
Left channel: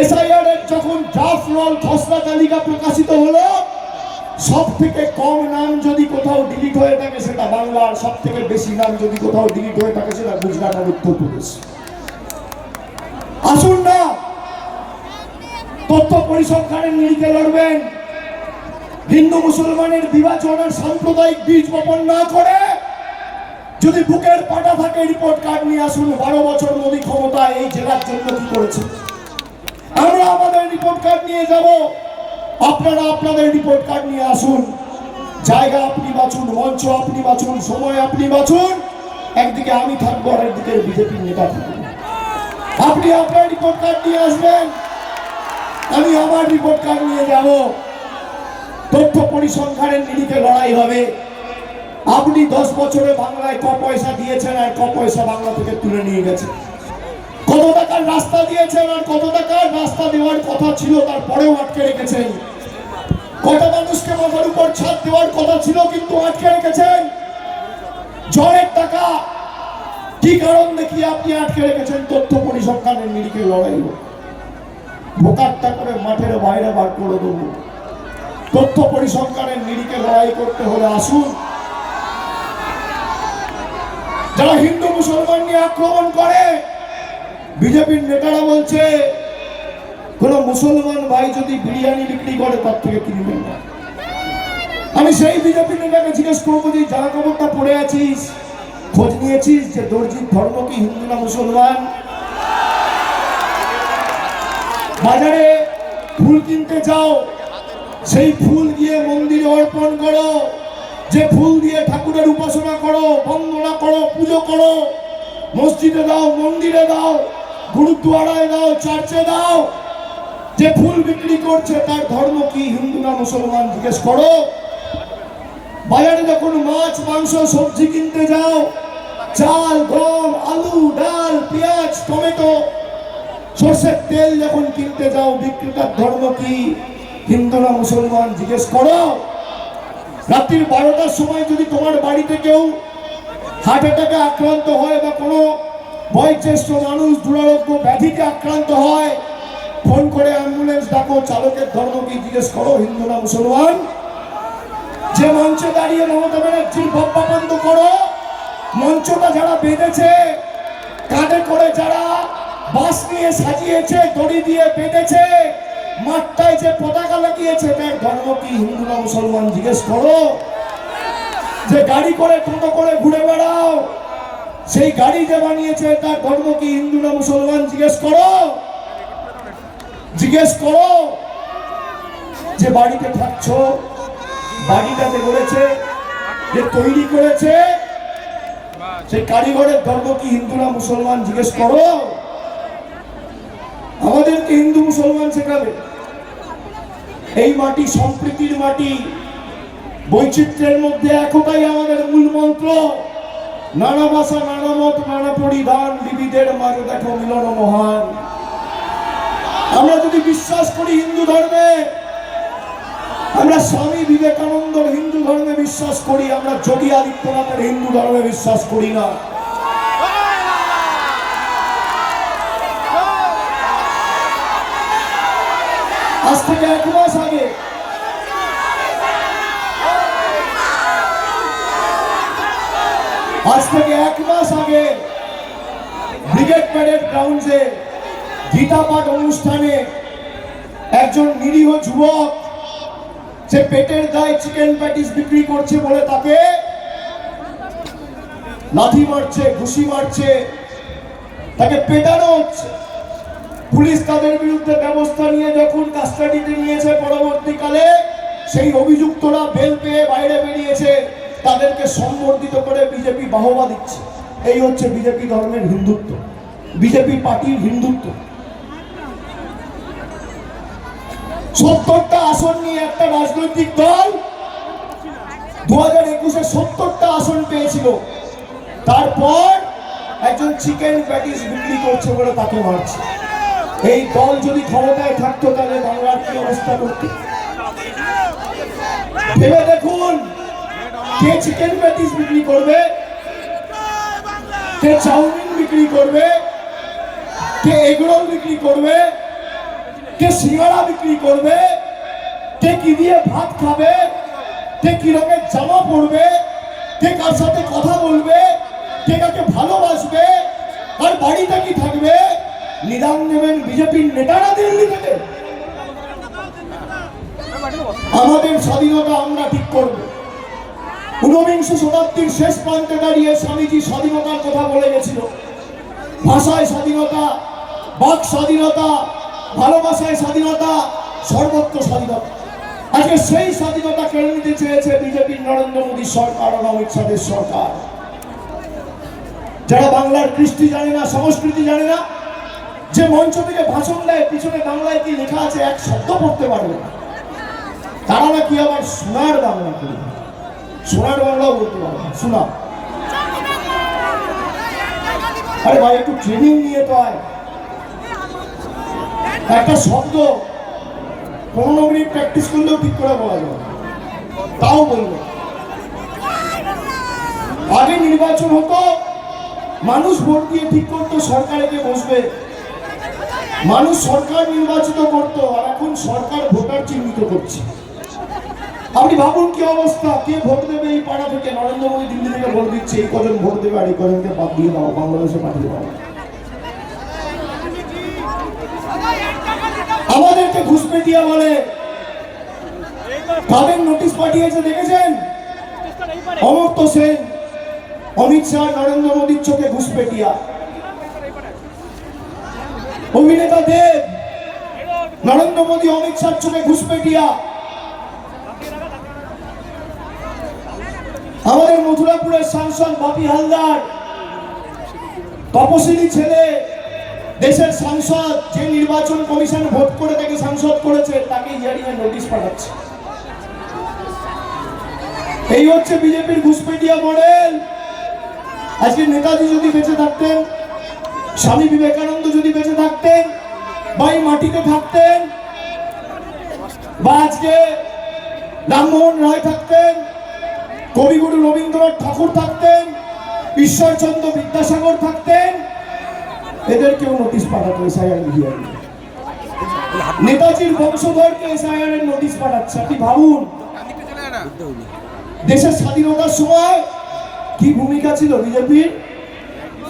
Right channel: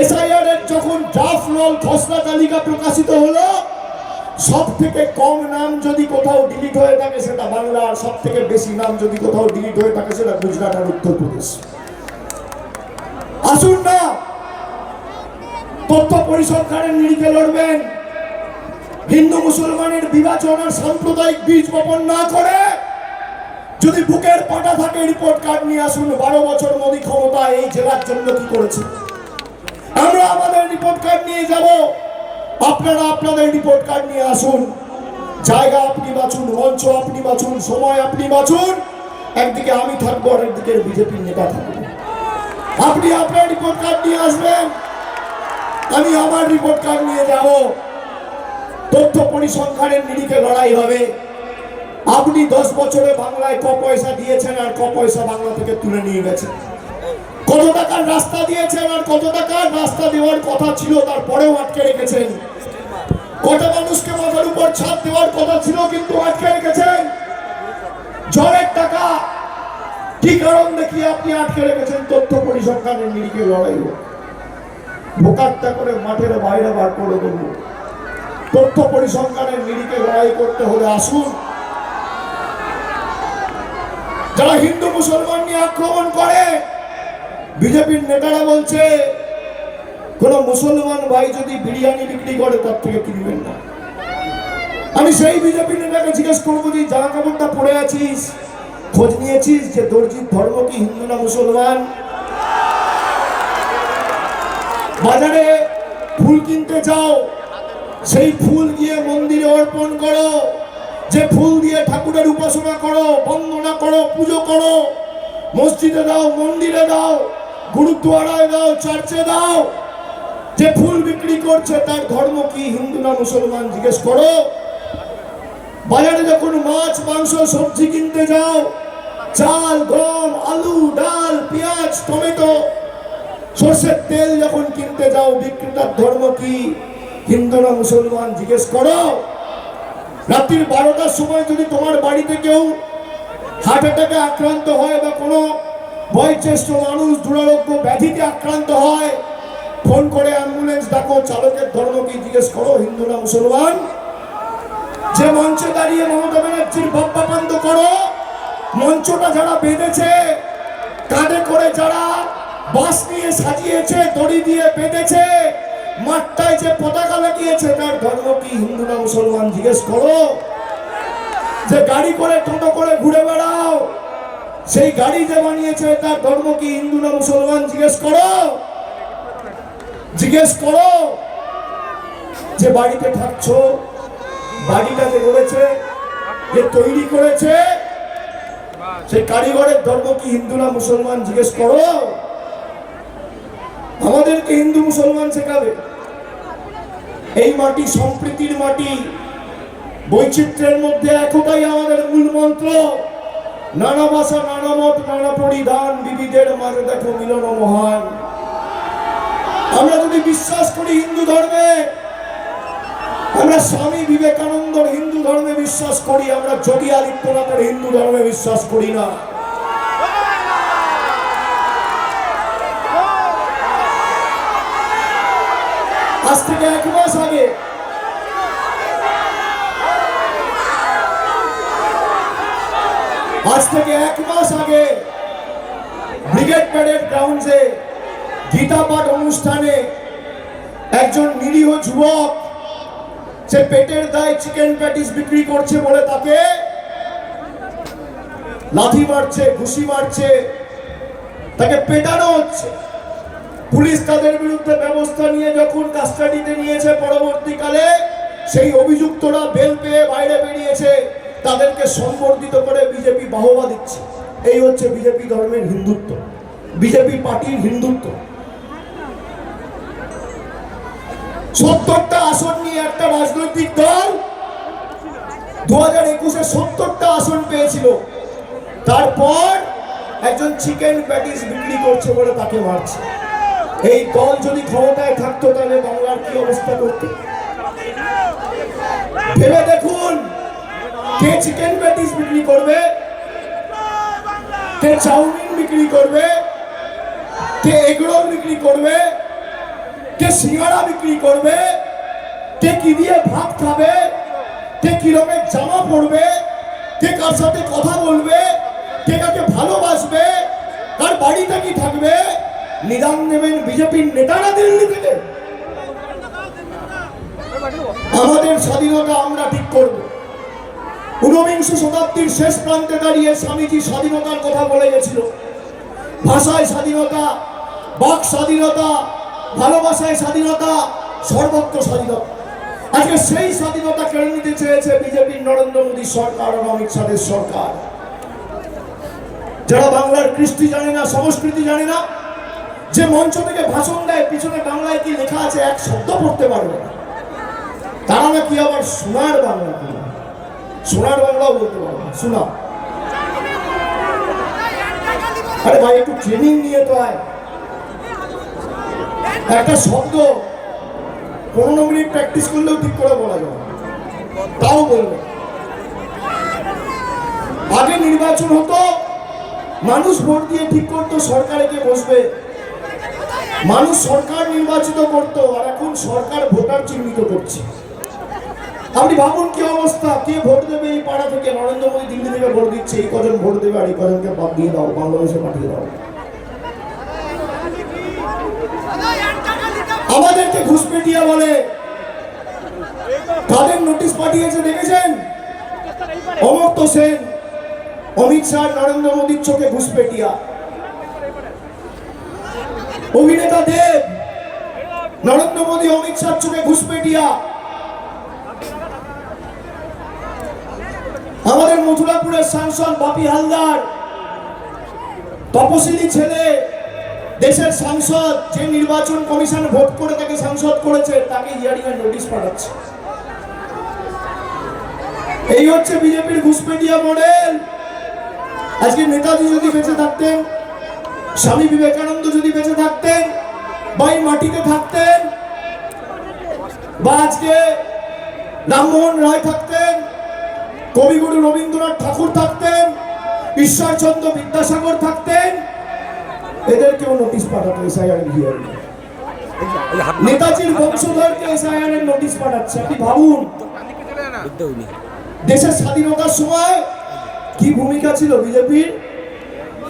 এসআইআর এর যখন ড্রাফট রোল খসড়া তালিকা প্রকাশিত হলো, সব থেকে কম নাম যদি কোথাও ডিলিট হয়ে থাকে সেটা বাংলা, আর সব থেকে বেশি নাম যদি কোথাও ডিলিট হয়ে থাকে সেটা গুজরাট আর উত্তরপ্রদেশ। আসুন না তথ্য পরিসংখ্যানের নিরিখে লড়বেন, হিন্দু মুসলমানের বিভাজন আর সাম্প্রদায়িক বীজ বপন না করে যদি বুকের পাটা থাকে রিপোর্ট কার্ড নিয়ে আসুন। 12 বছর মোদী ক্ষমতায় এই জেলার জন্য কি করেছে, আমরা আমাদের রিপোর্ট কার্ড নিয়ে যাব, আপনারা আপনাদের রিপোর্ট কার্ড নিয়ে আসুন। জায়গা আপনি বাছুন, মঞ্চ আপনি বাছুন, সময় আপনি বাছুন। একদিকে আমি থাকবো আর একদিকে বিজেপির নেতা থাকবো। আপনি আপনার রিপোর্ট কার্ড নিয়ে আসবেন, আমি আমার রিপোর্ট কার্ড নিয়ে যাব। তথ্য পরিসংখ্যানের নিরিখে লড়াই হবে। আপনি 10 বছরে বাংলায় ক পয়সা দিয়েছেন আর ক পয়সা বাংলা থেকে তুলে নিয়ে গেছেন, কত টাকার রাস্তা দিয়েছেন আর কত টাকার রাস্তা দেওয়ার কথা ছিল তারপরেও আটকে রেখেছেন, কত মানুষকে মাথার উপর ছাদ দেওয়ার কথা ছিল কিন্তু আটকে রেখেছেন। জলের টাকা কি কারণ দেখিয়ে আপনি আটকে রেখেছেন? তথ্য পরিসংখ্যানের নিরিখে লড়াই হবে। ভোকারটা করে মাঠের বাইরে বার করে দেবো। তথ্য পরিসংখ্যানের নিরিখে লড়াই করতে হলে আসুন। যারা হিন্দু মুসলমান নিয়ে আক্রমণ করে, বিজেপির নেতারা বলছে কোন মুসলমান ভাই যদি বিরিয়ানি বিক্রি করে তার থেকে কিনবেন না। আমি সেই বিজেপি নেতাকে জিজ্ঞেস করবো যে জামা কাপড়টা পরে আছিস, খোঁজ নিয়েছিস যে দর্জির ধর্ম কি হিন্দু না মুসলমান? বাজারে ফুল কিনতে যাও, সেই ফুল গিয়ে মন্দিরে অর্পণ করো, যে ফুল দিয়ে ঠাকুরের উপাসনা করো, বন্দনা করো, পুজো করো, মসজিদে দাও, মন্দিরে দাও, গুরুদ্বারায় দাও, চার্চে দাও। যে ফুল বিক্রি করছে তার ধর্ম কি হিন্দু না মুসলমান জিজ্ঞেস করো। বাজারে যখন মাছ, মাংস, সবজি কিনতে যাও, চাল, গম, আলু, ডাল, পেঁয়াজ, টমেটো, সর্ষের তেল যখন কিনতে যাও, বিক্রেতার ধর্ম কি, হিন্দু না মুসলমান জিজ্ঞেস করো। রাত্রির 12টার সময় যদি তোমার বাড়িতে কেউ হার্ট অ্যাটাকে আক্রান্ত হয় বা কোনো বয়োজ্যেষ্ঠ মানুষ দুরারোগ্য ব্যাধিতে আক্রান্ত হয়, ফোন করে অ্যাম্বুলেন্স ডাকো, চালকের ধর্ম কি জিজ্ঞেস করো, হিন্দু না মুসলমান। যে মঞ্চে দাঁড়িয়ে মমতা ব্যানার্জির বক্তব্য বন্ধ করো, মঞ্চটা যারা বেঁধেছে, কাঁধে করে যারা বাস নিয়ে সাজিয়েছে, দড়ি দিয়ে বেঁধেছে, মাঠটায় যে পতাকা লাগিয়েছে, তার ধর্ম কি, হিন্দু না মুসলমান জিজ্ঞেস করো। যে গাড়ি করে টোটো করে ঘুরে বেড়াও, সেই গাড়ি যে বানিয়েছে, তার ধর্ম কি, হিন্দু না মুসলমান জিজ্ঞেস করো। জিজ্ঞেস করো। যে বাড়িতে থাকছো, বাড়িটা যে গড়েছে, যে তৈরি করেছে, সেই কারিগরের ধর্ম কি, হিন্দু না মুসলমান জিজ্ঞেস করো। আমাদেরকে হিন্দু মুসলমান শেখাবে। এই মাটি সম্প্রীতির মাটি, বৈচিত্র্যের মধ্যে একতাই আমাদের মূল মন্ত্র। নানা ভাষা, নানা মত, নানা পরিধান, বিবিধের মাঝে দেখো মিলন মহান। আমরা যদি বিশ্বাস করি হিন্দু ধর্মে, আমরা স্বামী বিবেকানন্দর হিন্দু ধর্মে বিশ্বাস করি, আমরা যোগী আদিত্যনাথের হিন্দু ধর্মে বিশ্বাস করি না। আজ থেকে 1 মাস আগে ব্রিগেড প্যারেড গ্রাউন্ডে গীতা পাঠ অনুষ্ঠানে একজন নিরীহ যুবক, সে পেটের দায়ে চিকেন প্যাটিস বিক্রি করছে বলে তাকে লাথি মারছে, ঘুষি মারছে, তাকে পেটানো হচ্ছে। পুলিশ তাদের বিরুদ্ধে ব্যবস্থা নিয়ে যখন কাস্টাডিতে নিয়েছে, পরবর্তীকালে সেই অভিযুক্তরা বেল পেয়ে বাইরে বেরিয়েছে, তাদেরকে সম্বর্ধিত করে বিজেপি বাহবা দিচ্ছে। এই হচ্ছে বিজেপি ধর্মের হিন্দুত্ব, বিজেপি পার্টির হিন্দুত্ব। 70টা আসন নিয়ে একটা রাজনৈতিক দল 2021-এ 70টা আসন পেয়েছিল, তারপর একজন চিকেন প্যাটিস বিক্রি করছে বলে তাকে মারছে। এই দল যদি ক্ষমতায় থাকতো, তাহলে বাংলার কি অবস্থা করতে? ভেবে দেখুন, কে চিকেন প্যাটিস বিক্রি করবে, কে চাউমিন বিক্রি করবে, কে এগরোল বিক্রি করবে, কে সিঙ্গাড়া বিক্রি করবে, কে কি দিয়ে ভাত খাবে, কে কি রকমের জামা পরবে, কে কার সাথে কথা বলবে, কে কাকে ভালোবাসবে, কার বাড়িতে কি থাকবে, নিদান দেবেন বিজেপির নেতারা দিল্লি থেকে। আমাদের স্বাধীনতা আমরা ঠিক করব। 19বিংশ শতাব্দীর শেষ প্রান্তে দাঁড়িয়ে স্বামীজি স্বাধীনতার কথা বলে গেছিল। ভাষায় স্বাধীনতা, বাক স্বাধীনতা, ভালোবাসায় স্বাধীনতা, সর্বত্র স্বাধীনতা। আজকে সেই স্বাধীনতা কেড়ে নিতে চেয়েছে বিজেপির নরেন্দ্র মোদী সরকার আর অমিত শাহের সরকার। যারা বাংলার কৃষ্টি জানে না, সংস্কৃতি জানে না, যে মঞ্চ থেকে ভাষণ দেয়, পিছনে বাংলায় কি লেখা আছে এক শব্দ পড়তে পারবে না, তারা নাকি আবার সোনার বাংলা কি, সোনার বাংলাও বলতে পারবে না। শোনা, আরে ভাই একটু ট্রেনিং নিয়ে তো আয়। একটা শব্দ 15 মিনিট প্র্যাকটিস করলেও ঠিক করে বলা যাবে, তাও বলবো। আগে নির্বাচন হতো, মানুষ ভোট দিয়ে ঠিক করতো সরকারে কে বসবে, মানুষ সরকার নির্বাচিত করত, আর এখন সরকার ভোটার চিহ্নিত করছে। আপনি ভাবুন কি অবস্থা, কে ভোট দেবে এই পাড়া থেকে? নরেন্দ্র মোদী দিল্লি থেকে ভোট দিচ্ছে, এই কজন ভোট দেবে আর এই কজনকে বাদ দিয়ে দাও, বাংলাদেশে পাঠিয়ে দাও। আমাদেরকে ঘুষপেটিয়া বলে। কাদের নোটিশ পাঠিয়েছে দেখেছেন? অমর্ত্য সেন, অমিত শাহ, নরেন্দ্র মোদীর চোখে ঘুষপেটিয়া। অভিনেতা দেব, নরেন্দ্র মোদী, অমিত শাহ চোখে ঘুষপেটিয়া। আমাদের মথুরাপুরের সাংসদ বাপি হালদার, তপশিলি ছেলে, দেশের সাংসদ, যে নির্বাচন কমিশন ভোট করে তাকে সাংসদ করেছে, তাকে হিয়ারিং এর নোটিশ পাঠাচ্ছে। এই হচ্ছে বিজেপির ঘুষপেটিয়া মডেল। আজকে নেতাজি যদি বেঁচে থাকতেন, স্বামী বিবেকানন্দ যদি বেঁচে থাকতেন, বা এই মাটিতে থাকতেন, বা আজকে রামমোহন রায় থাকতেন, কবিগুরু রবীন্দ্রনাথ ঠাকুর থাকতেন, ঈশ্বরচন্দ্র বিদ্যাসাগর থাকতেন, এদের কেউ নোটিশ পাঠাতো এসআইআর হিয়ারিং। নেতাজির বংশধরকে এসআইআর এর নোটিশ পাঠাচ্ছে। আপনি ভাবুন, দেশের স্বাধীনতার সময় কি ভূমিকা ছিল বিজেপির?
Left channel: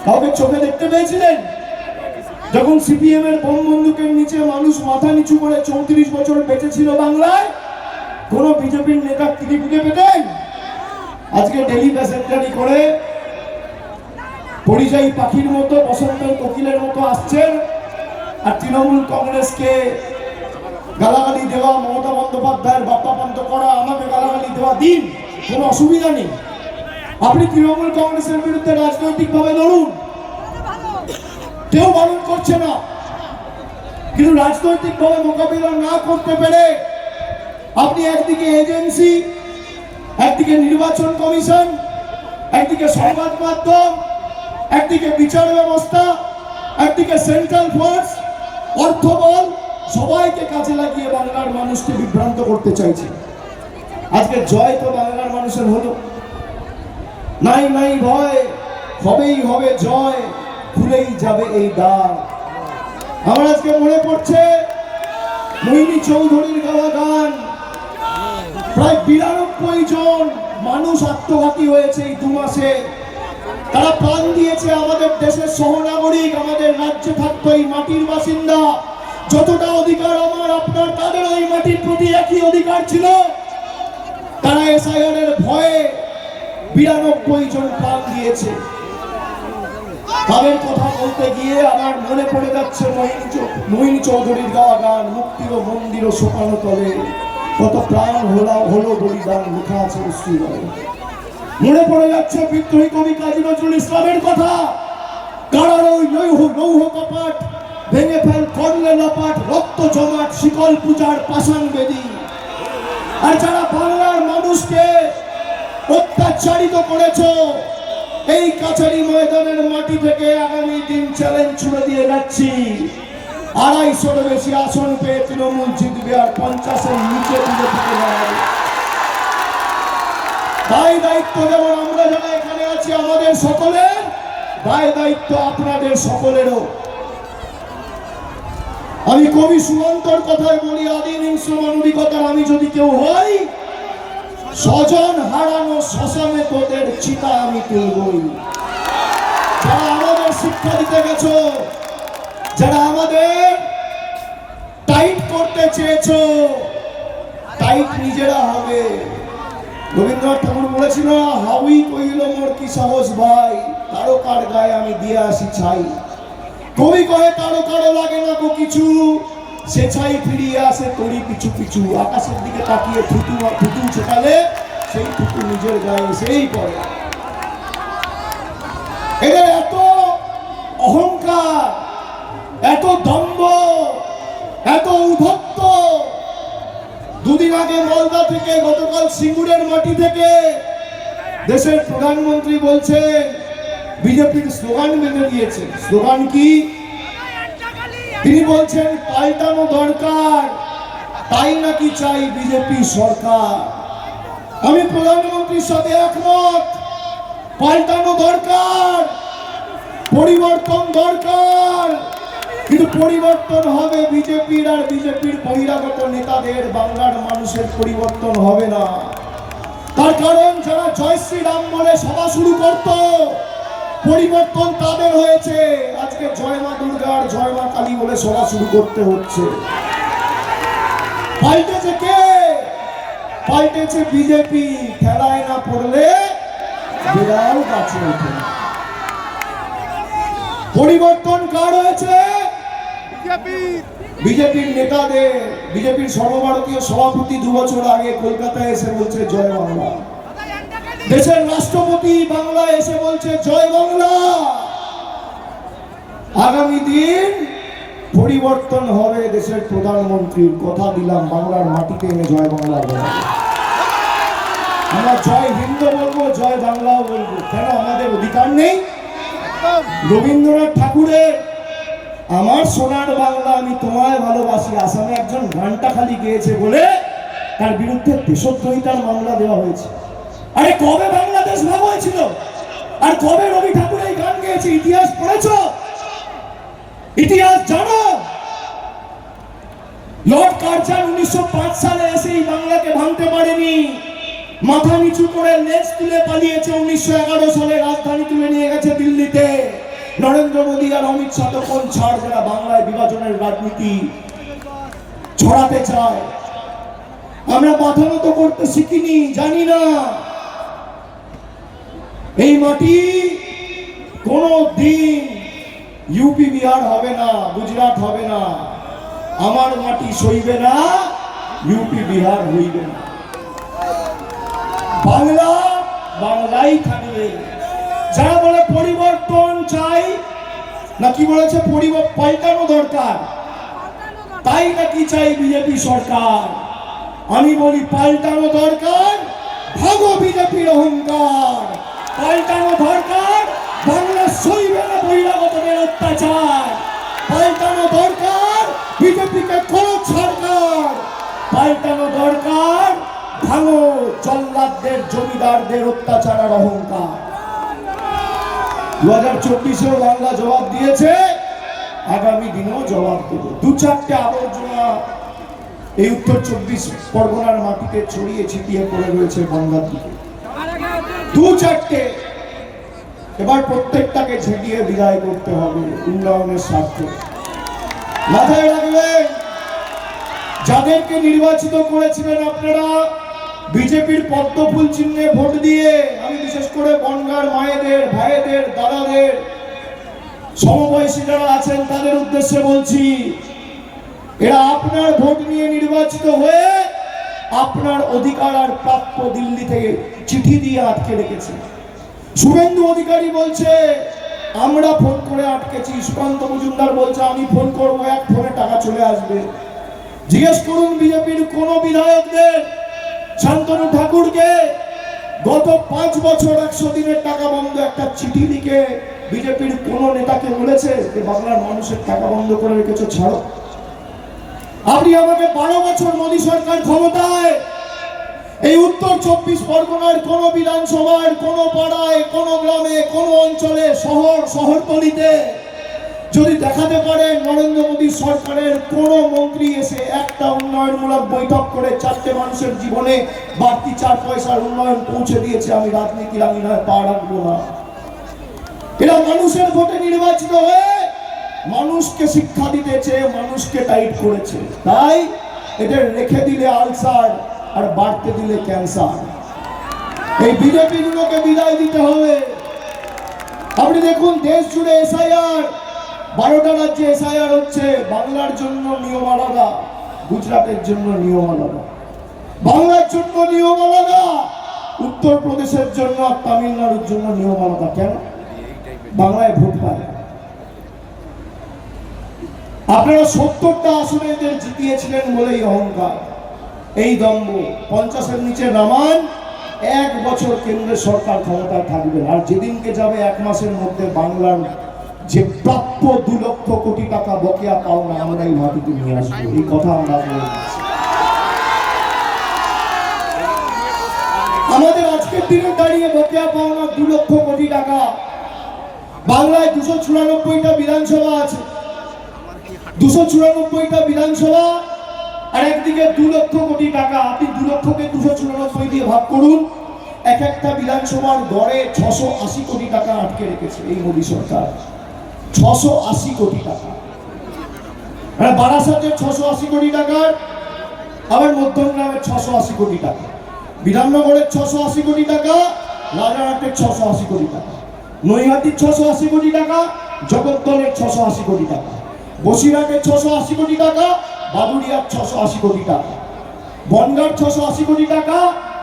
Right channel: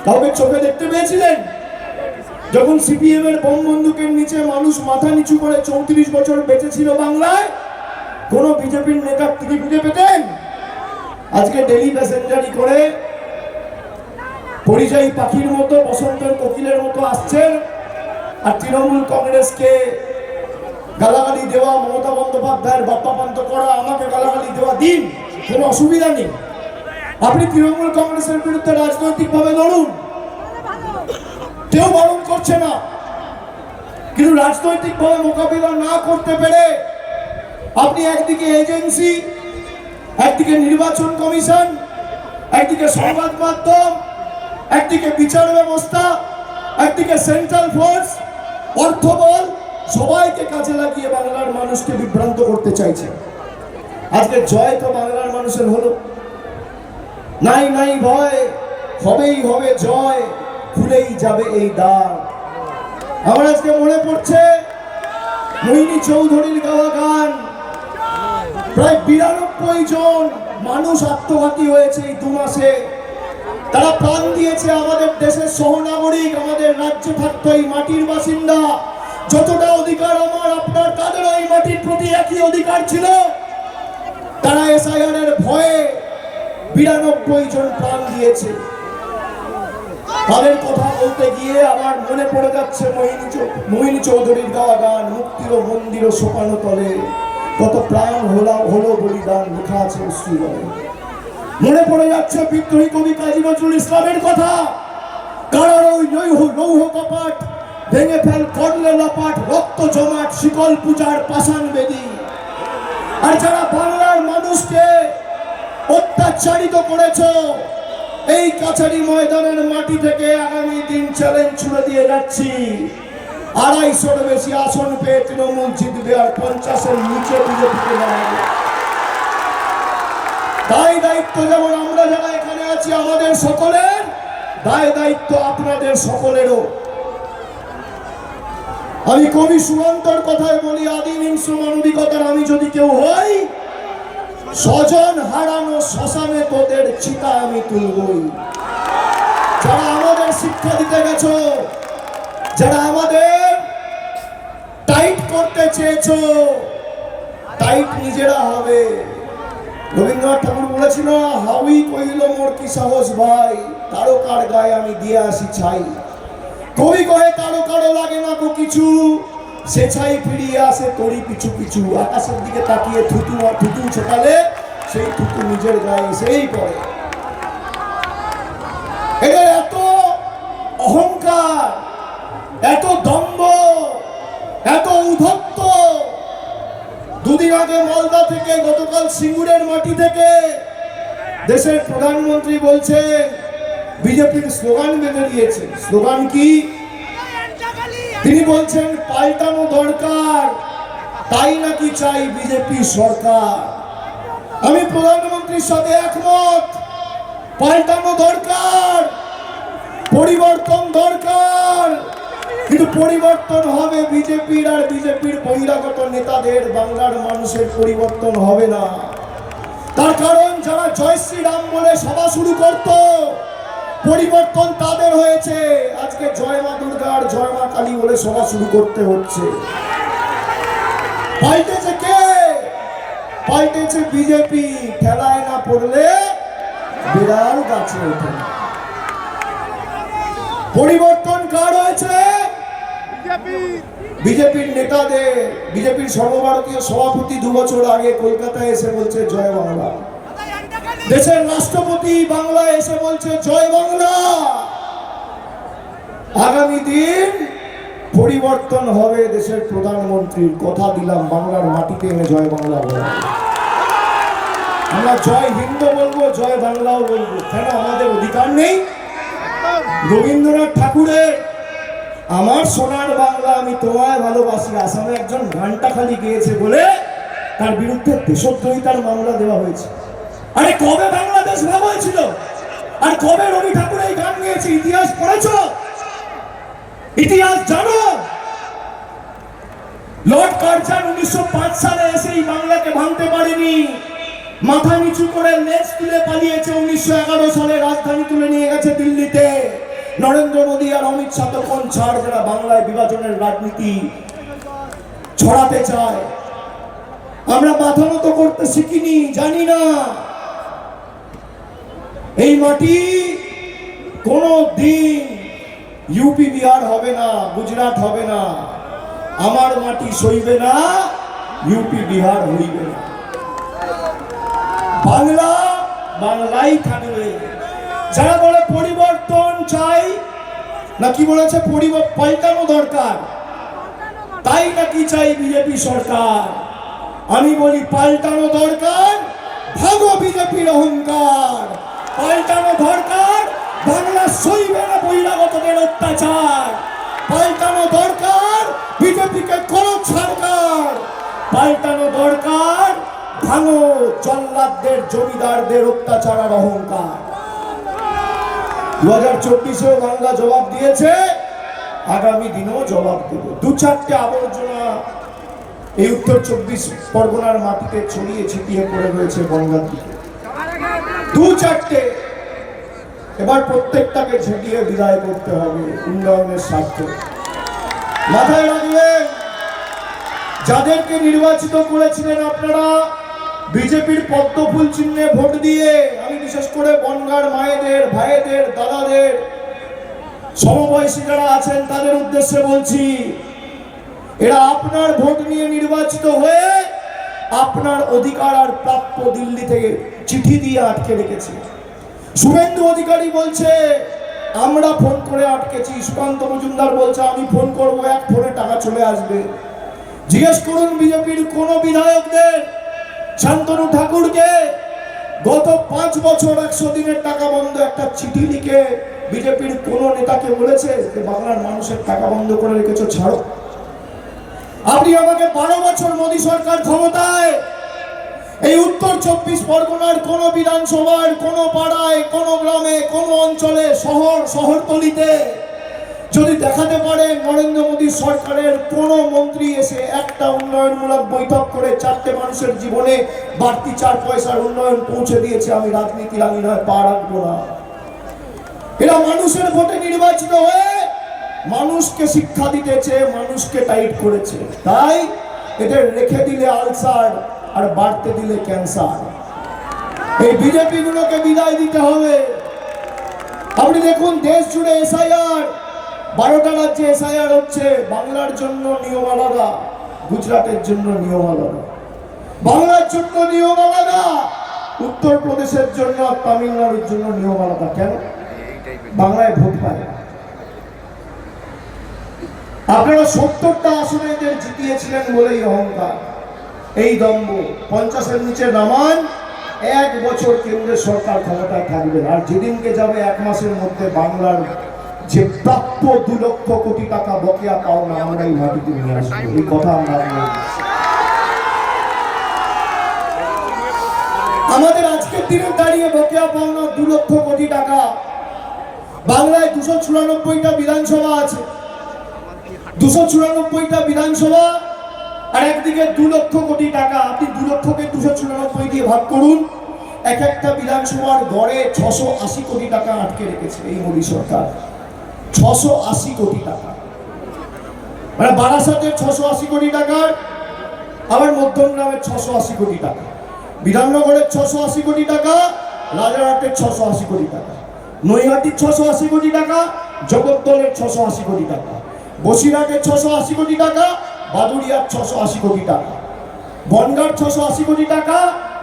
কাউকে চোখে দেখতে পেয়েছিলেন? যখন সিপিএম এর বোম বন্দুকের নিচে মানুষ মাথা নিচু করে 34 বছর বেঁচে ছিল বাংলায়, কোন বিজেপির নেতা তিনি খুঁজে পেতেন? আজকে ডেলি প্যাসেঞ্জারি করে পরিযায়ী পাখির মতো, বসন্তের কোকিলের মতো আসছেন, আর তৃণমূল কংগ্রেসকে গালাগালি দেওয়া, মমতা বন্দ্যোপাধ্যায়ের বাপ্পাপান্ত করা, আমাকে গালাগালি দেওয়া দিন, কোনো অসুবিধা নেই। আপনি তৃণমূল কংগ্রেসের বিরুদ্ধে রাজনৈতিকভাবে লড়ুন, কেউ বারণ করছে না, কিন্তু রাজনৈতিকভাবে মোকাবিলা না করতে পেরে আপনি একদিকে এজেন্সি, একদিকে নির্বাচন কমিশন, একদিকে সংবাদ মাধ্যম, একদিকে বিচার ব্যবস্থা, একদিকে সেন্ট্রাল ফোর্স, অর্থবল, সবাইকে কাজে লাগিয়ে বাংলার মানুষকে বিভ্রান্ত করতে চাইছে। আজকে জয় তো বাংলার মানুষের হলো, নাই নাই ভয়, হবেই হবে জয়, খুলেই যাবে এই দ্বার। আমার আজকে মনে পড়ছে মোহিনী চৌধুরীর গাওয়া গান। প্রায় 92 জন মানুষ আত্মঘাতী হয়েছে এই 2 মাসে। তারা প্রাণ দিয়েছে, আমাদের দেশের সহনাগরিক, আমাদের রাজ্যে থাকতো এই মাটির বাসিন্দা। যতটা অধিকার আমার আপনার, তাদের এই মাটির প্রতি একই অধিকার ছিল। তারা এসআইআর এর ভয়ে 92 জন প্রাণ দিয়েছে। তাদের কথা বলতে গিয়ে আমার মনে পড়ে যাচ্ছে মোহিনী চৌধুরীর গাওয়া গান, মুক্তির মন্দির শোকানো তলে কত প্রাণ হলো বলিদান, লেখা আছে অশ্রুবলে। মনে পড়ে যাচ্ছে বিদ্রোহী কবি কাজী নজরুল ইসলামের কথা, কারার ওই লৌহ কপাট ভেঙে ফেল করলে লপাট, রক্ত জমাট শিকল পূজার পাষাণ বেদী। আর যারা বাংলার মানুষকে অত্যাচারিত করেছ, এই কাছারি ময়দানের মাটি থেকে আগামী দিন চ্যালেঞ্জ ছুড়ে দিয়ে যাচ্ছি, 250-র বেশি আসন পেয়ে তৃণমূল জিতবে, আর 50-এর নিচে বিজেপিকে দাঁড়াবে। দায় দায়িত্ব যেমন আমরা যারা এখানে আছি আমাদের সকলের, দায় দায়িত্ব আপনাদের সকলেরও। আমি কবি সুমন্তর কথায় বলি, আদিম হিংস্র মানবিকতার আমি যদি কেউ হই, স্বজন হারানো শ্মশানে তোদের চিতা আমি তুলবই। যারা আমাদের শিক্ষা দিতে গেছো, যারা আমাদের টাইট করতে চেয়েছো, টাইট নিজেরা হবে। রবীন্দ্রনাথ ঠাকুর বলেছিল, হাউই কহিল মোর কি সাহস ভাই, তারকার গায়ে আমি দিয়ে আসি ছাই। কবি কহে তারকারে লাগে না গো কিছু, সে ছাই ফিরিয়ে আসে তোরই পিছু পিছু। আকাশের দিকে তাকিয়ে থুতু ছেটালে সেই থুতু নিজের গায়ে সেই পড়ে। এদের এত অহংকার, এত দম্ভ, এত উদ্ধত্ত। দুদিন আগে মালদা থেকে, গতকাল সিঙ্গুরের মাটি থেকে দেশের প্রধানমন্ত্রী বলছেন বিজেপির স্লোগান বেঁধে দিয়েছে। স্লোগান কি? তিনি বলছেন পাল্টানো দরকার, তাই নাকি চাই বিজেপি সরকার। আমি প্রধানমন্ত্রীর সাথে একমত, পাল্টানো দরকার, পরিবর্তন দরকার, কিন্তু পরিবর্তন হবে বিজেপির আর বিজেপির বহিরাগত নেতাদের, বাংলার মানুষের পরিবর্তন হবে না। তার কারণ যারা জয় শ্রীরাম বলে সভা শুরু করত, পরিবর্তন তাদের হয়েছে। আজকে জয় মা দুর্গা আর জয় মা কালী বলে সভা শুরু করতে হচ্ছে। পাল্টেছে কে? পাল্টেছে বিজেপি। খেলায় না পড়লে বিড়াল গাছে ওঠে না। পরিবর্তন কার হয়েছে? বিজেপির নেতাদের। বিজেপির সর্বভারতীয় সভাপতি 2 বছর আগে কলকাতায় এসে বলছে জয় বাংলা। দেশের রাষ্ট্রপতি বাংলায় এসে বলছে জয় বাংলা। আগামী দিন পরিবর্তন হবে দেশের প্রধানমন্ত্রীর। কথা দিলাম, বাংলার মাটিতে এনে জয় বাংলা। আমরা জয় হিন্দ বলবো, জয় বাংলাও বলবো, কেন আমাদের অধিকার নেই? রবীন্দ্রনাথ ঠাকুরের আমার সোনার বাংলা আমি তোমায় ভালোবাসি আসামে একজন গানটা খালি গেয়েছে বলে তার বিরুদ্ধে দেশদ্রোহিতার মামলা দেওয়া হয়েছে। আরে কবে বাংলাদেশ ভাগ হয়েছিল? আর কবে রবি ঠাকুর এই গান গেয়েছে? ইতিহাস পড়েছো? ইতিহাস জানো? লর্ড কার্জন 1905 সালে এসে এই বাংলাকে ভাঙতে পারেনি, মাথা নিচু করে লেজ তুলে পালিয়েছে। 1911 সালে রাজধানী তুলে নিয়ে গেছে দিল্লিতে। নরেন্দ্র মোদী আর অমিত শাহ তখন ছাড়, যারা বাংলায় বিভাজনের রাজনীতি ছড়াতে চায়। আমরা মাথা মতো করতে শিখিনি, জানি না। এই মাটি কোন দিন ইউপি বিহার হবে না, গুজরাট হবে না। আমার মাটি সইবে না, ইউপি বিহার হইবে না। বাংলা বাংলাই থাকবে। যারা বলে পরিবর্তন চাই, নাকি বলেছে পাল্টানো দরকার, তাই নাকি চাই বিজেপি সরকার। আমি বলি পাল্টানো দরকার, ভাগো বিজেপির অহংকার। পাল্টানো দরকার, বাংলা সইবে না বহিরাগতদের অত্যাচার। পাল্টানো দরকার, বিজেপিকে কোনো সরকার। পাল্টানো দরকার, ভাঙো জল্লাদদের জমিদারদের অত্যাচার আর অহংকার। 2024-এও বাংলা জবাব দিয়েছে, আগামী দিনেও জবাব দেবে। দু চারটে আবর্জনা এই উত্তর 24 পরগনার মাটিতে ছড়িয়ে ছিটিয়ে পড়ে রয়েছে গঙ্গার দিকে, দু চারটে। এবার প্রত্যেকটাকে ঝেঁটিয়ে বিদায় করতে হবে উন্নয়নের স্বার্থে। মাথায় রাখবেন, যাদেরকে নির্বাচিত করেছিলেন আপনারা বিজেপির পদ্মফুল চিহ্নে ভোট দিয়ে, আমি বিশেষ করে বনগাঁর মায়েদের, ভাইদের, দাদাদের, সমবয়সী যারা আছেন তাদের উদ্দেশ্যে বলছি, এরা আপনার ভোট নিয়ে নির্বাচিত হয়ে আপনার অধিকার আর প্রাপ্য দিল্লি থেকে চিঠি দিয়ে আটকে রেখেছে। শুভেন্দু অধিকারী বলছে আমরা ফোন করে আটকেছি, সুকান্ত মজুমদার বলছে আমি ফোন করবো, এক ফোনে টাকা চলে আসবে। জিজ্ঞেস করুন বিজেপির কোন বিধায়কদের, শান্তনু ঠাকুরকে গত 5 বছর 100 দিনের টাকা বন্ধ একটা চিঠি লিখে বিজেপির কোন নেতাকে বলেছে যে বাংলার মানুষের টাকা বন্ধ করে রেখেছো, ছাড়ো। আপনি আমাকে 12 বছর মোদী সরকার ক্ষমতায় এই উত্তর 24 পরগনার কোন বিধানসভার কোন পাড়ায়, কোন গ্রামে, কোন অঞ্চলে, শহরতলিতে যদি দেখাতে পারেন নরেন্দ্র মোদী সরকারের কোন মন্ত্রী এসে একটা উন্নয়নমূলক বৈঠক করে 4টে মানুষের জীবনে বাড়তি 4 পয়সার উন্নয়ন পৌঁছে দিয়েছে, আমি রাজনীতির আমি নয় পা রাখবো না। এরা মানুষের ভোটে নির্বাচিত হয়ে মানুষকে শিক্ষা দিতেছে, মানুষকে টাইট করেছে। তাই এদের রেখে দিলে আলসার আর বাড়তে দিলে ক্যান্সার। এই বিজেপি গুলোকে বিদায় দিতে হবে। আপনি দেখুন দেশ জুড়ে এসআইআর, 12টা রাজ্যে এসআইআর হচ্ছে। বাংলার জন্য নিয়ম আলাদা, গুজরাটের জন্য নিয়ম আলাদা। বাংলার জন্য নিয়ম আলাদা, উত্তরপ্রদেশের জন্য আর তামিলনাড়ুর জন্য নিয়ম আলাদা। কেন? বাংলায় ভোট পায়। আপনারা 70টা আসনে এদের জিতিয়েছিলেন বলেই অহংকার, এই দম্ভ। 50-এর নিচে নামান, 1 বছর কেন্দ্রের সরকার ক্ষমতায় থাকবে। আর যেদিনকে যাবে 1 মাসের মধ্যে বাংলার যে প্রাপ্য 2 লক্ষ কোটি টাকা বকেয়া পাওনা আমরা এই মাটিতে নিয়ে আসবো। এই কথা আমরা আমাদের আজকের দিনে দাঁড়িয়ে বকেয়া পাওনা 2 লক্ষ কোটি টাকা। বাংলায় 294টা বিধানসভা আছে, 294টা বিধানসভা, আর একদিকে 2 লক্ষ কোটি টাকা। আপনি 2 লক্ষকে 294 দিয়ে ভাগ করুন, এক একটা বিধানসভার গড়ে 680 কোটি টাকা আটকে রেখেছে এই মোদী সরকার। 680 কোটি টাকা, মানে বারাসাতের 680 কোটি টাকার, আবার মধ্যমগ্রামের 680 কোটি টাকা, বিধাননগরের 680 কোটি টাকা, রাজারহাটের 680 কোটি টাকা, নৈহাটির 680 কোটি টাকা, জগদ্দলের 680 কোটি টাকা, বসিরহাটের 680 কোটি টাকা, বাদুড়িয়ার 680 কোটি টাকা, বনগাঁর 680 কোটি টাকা,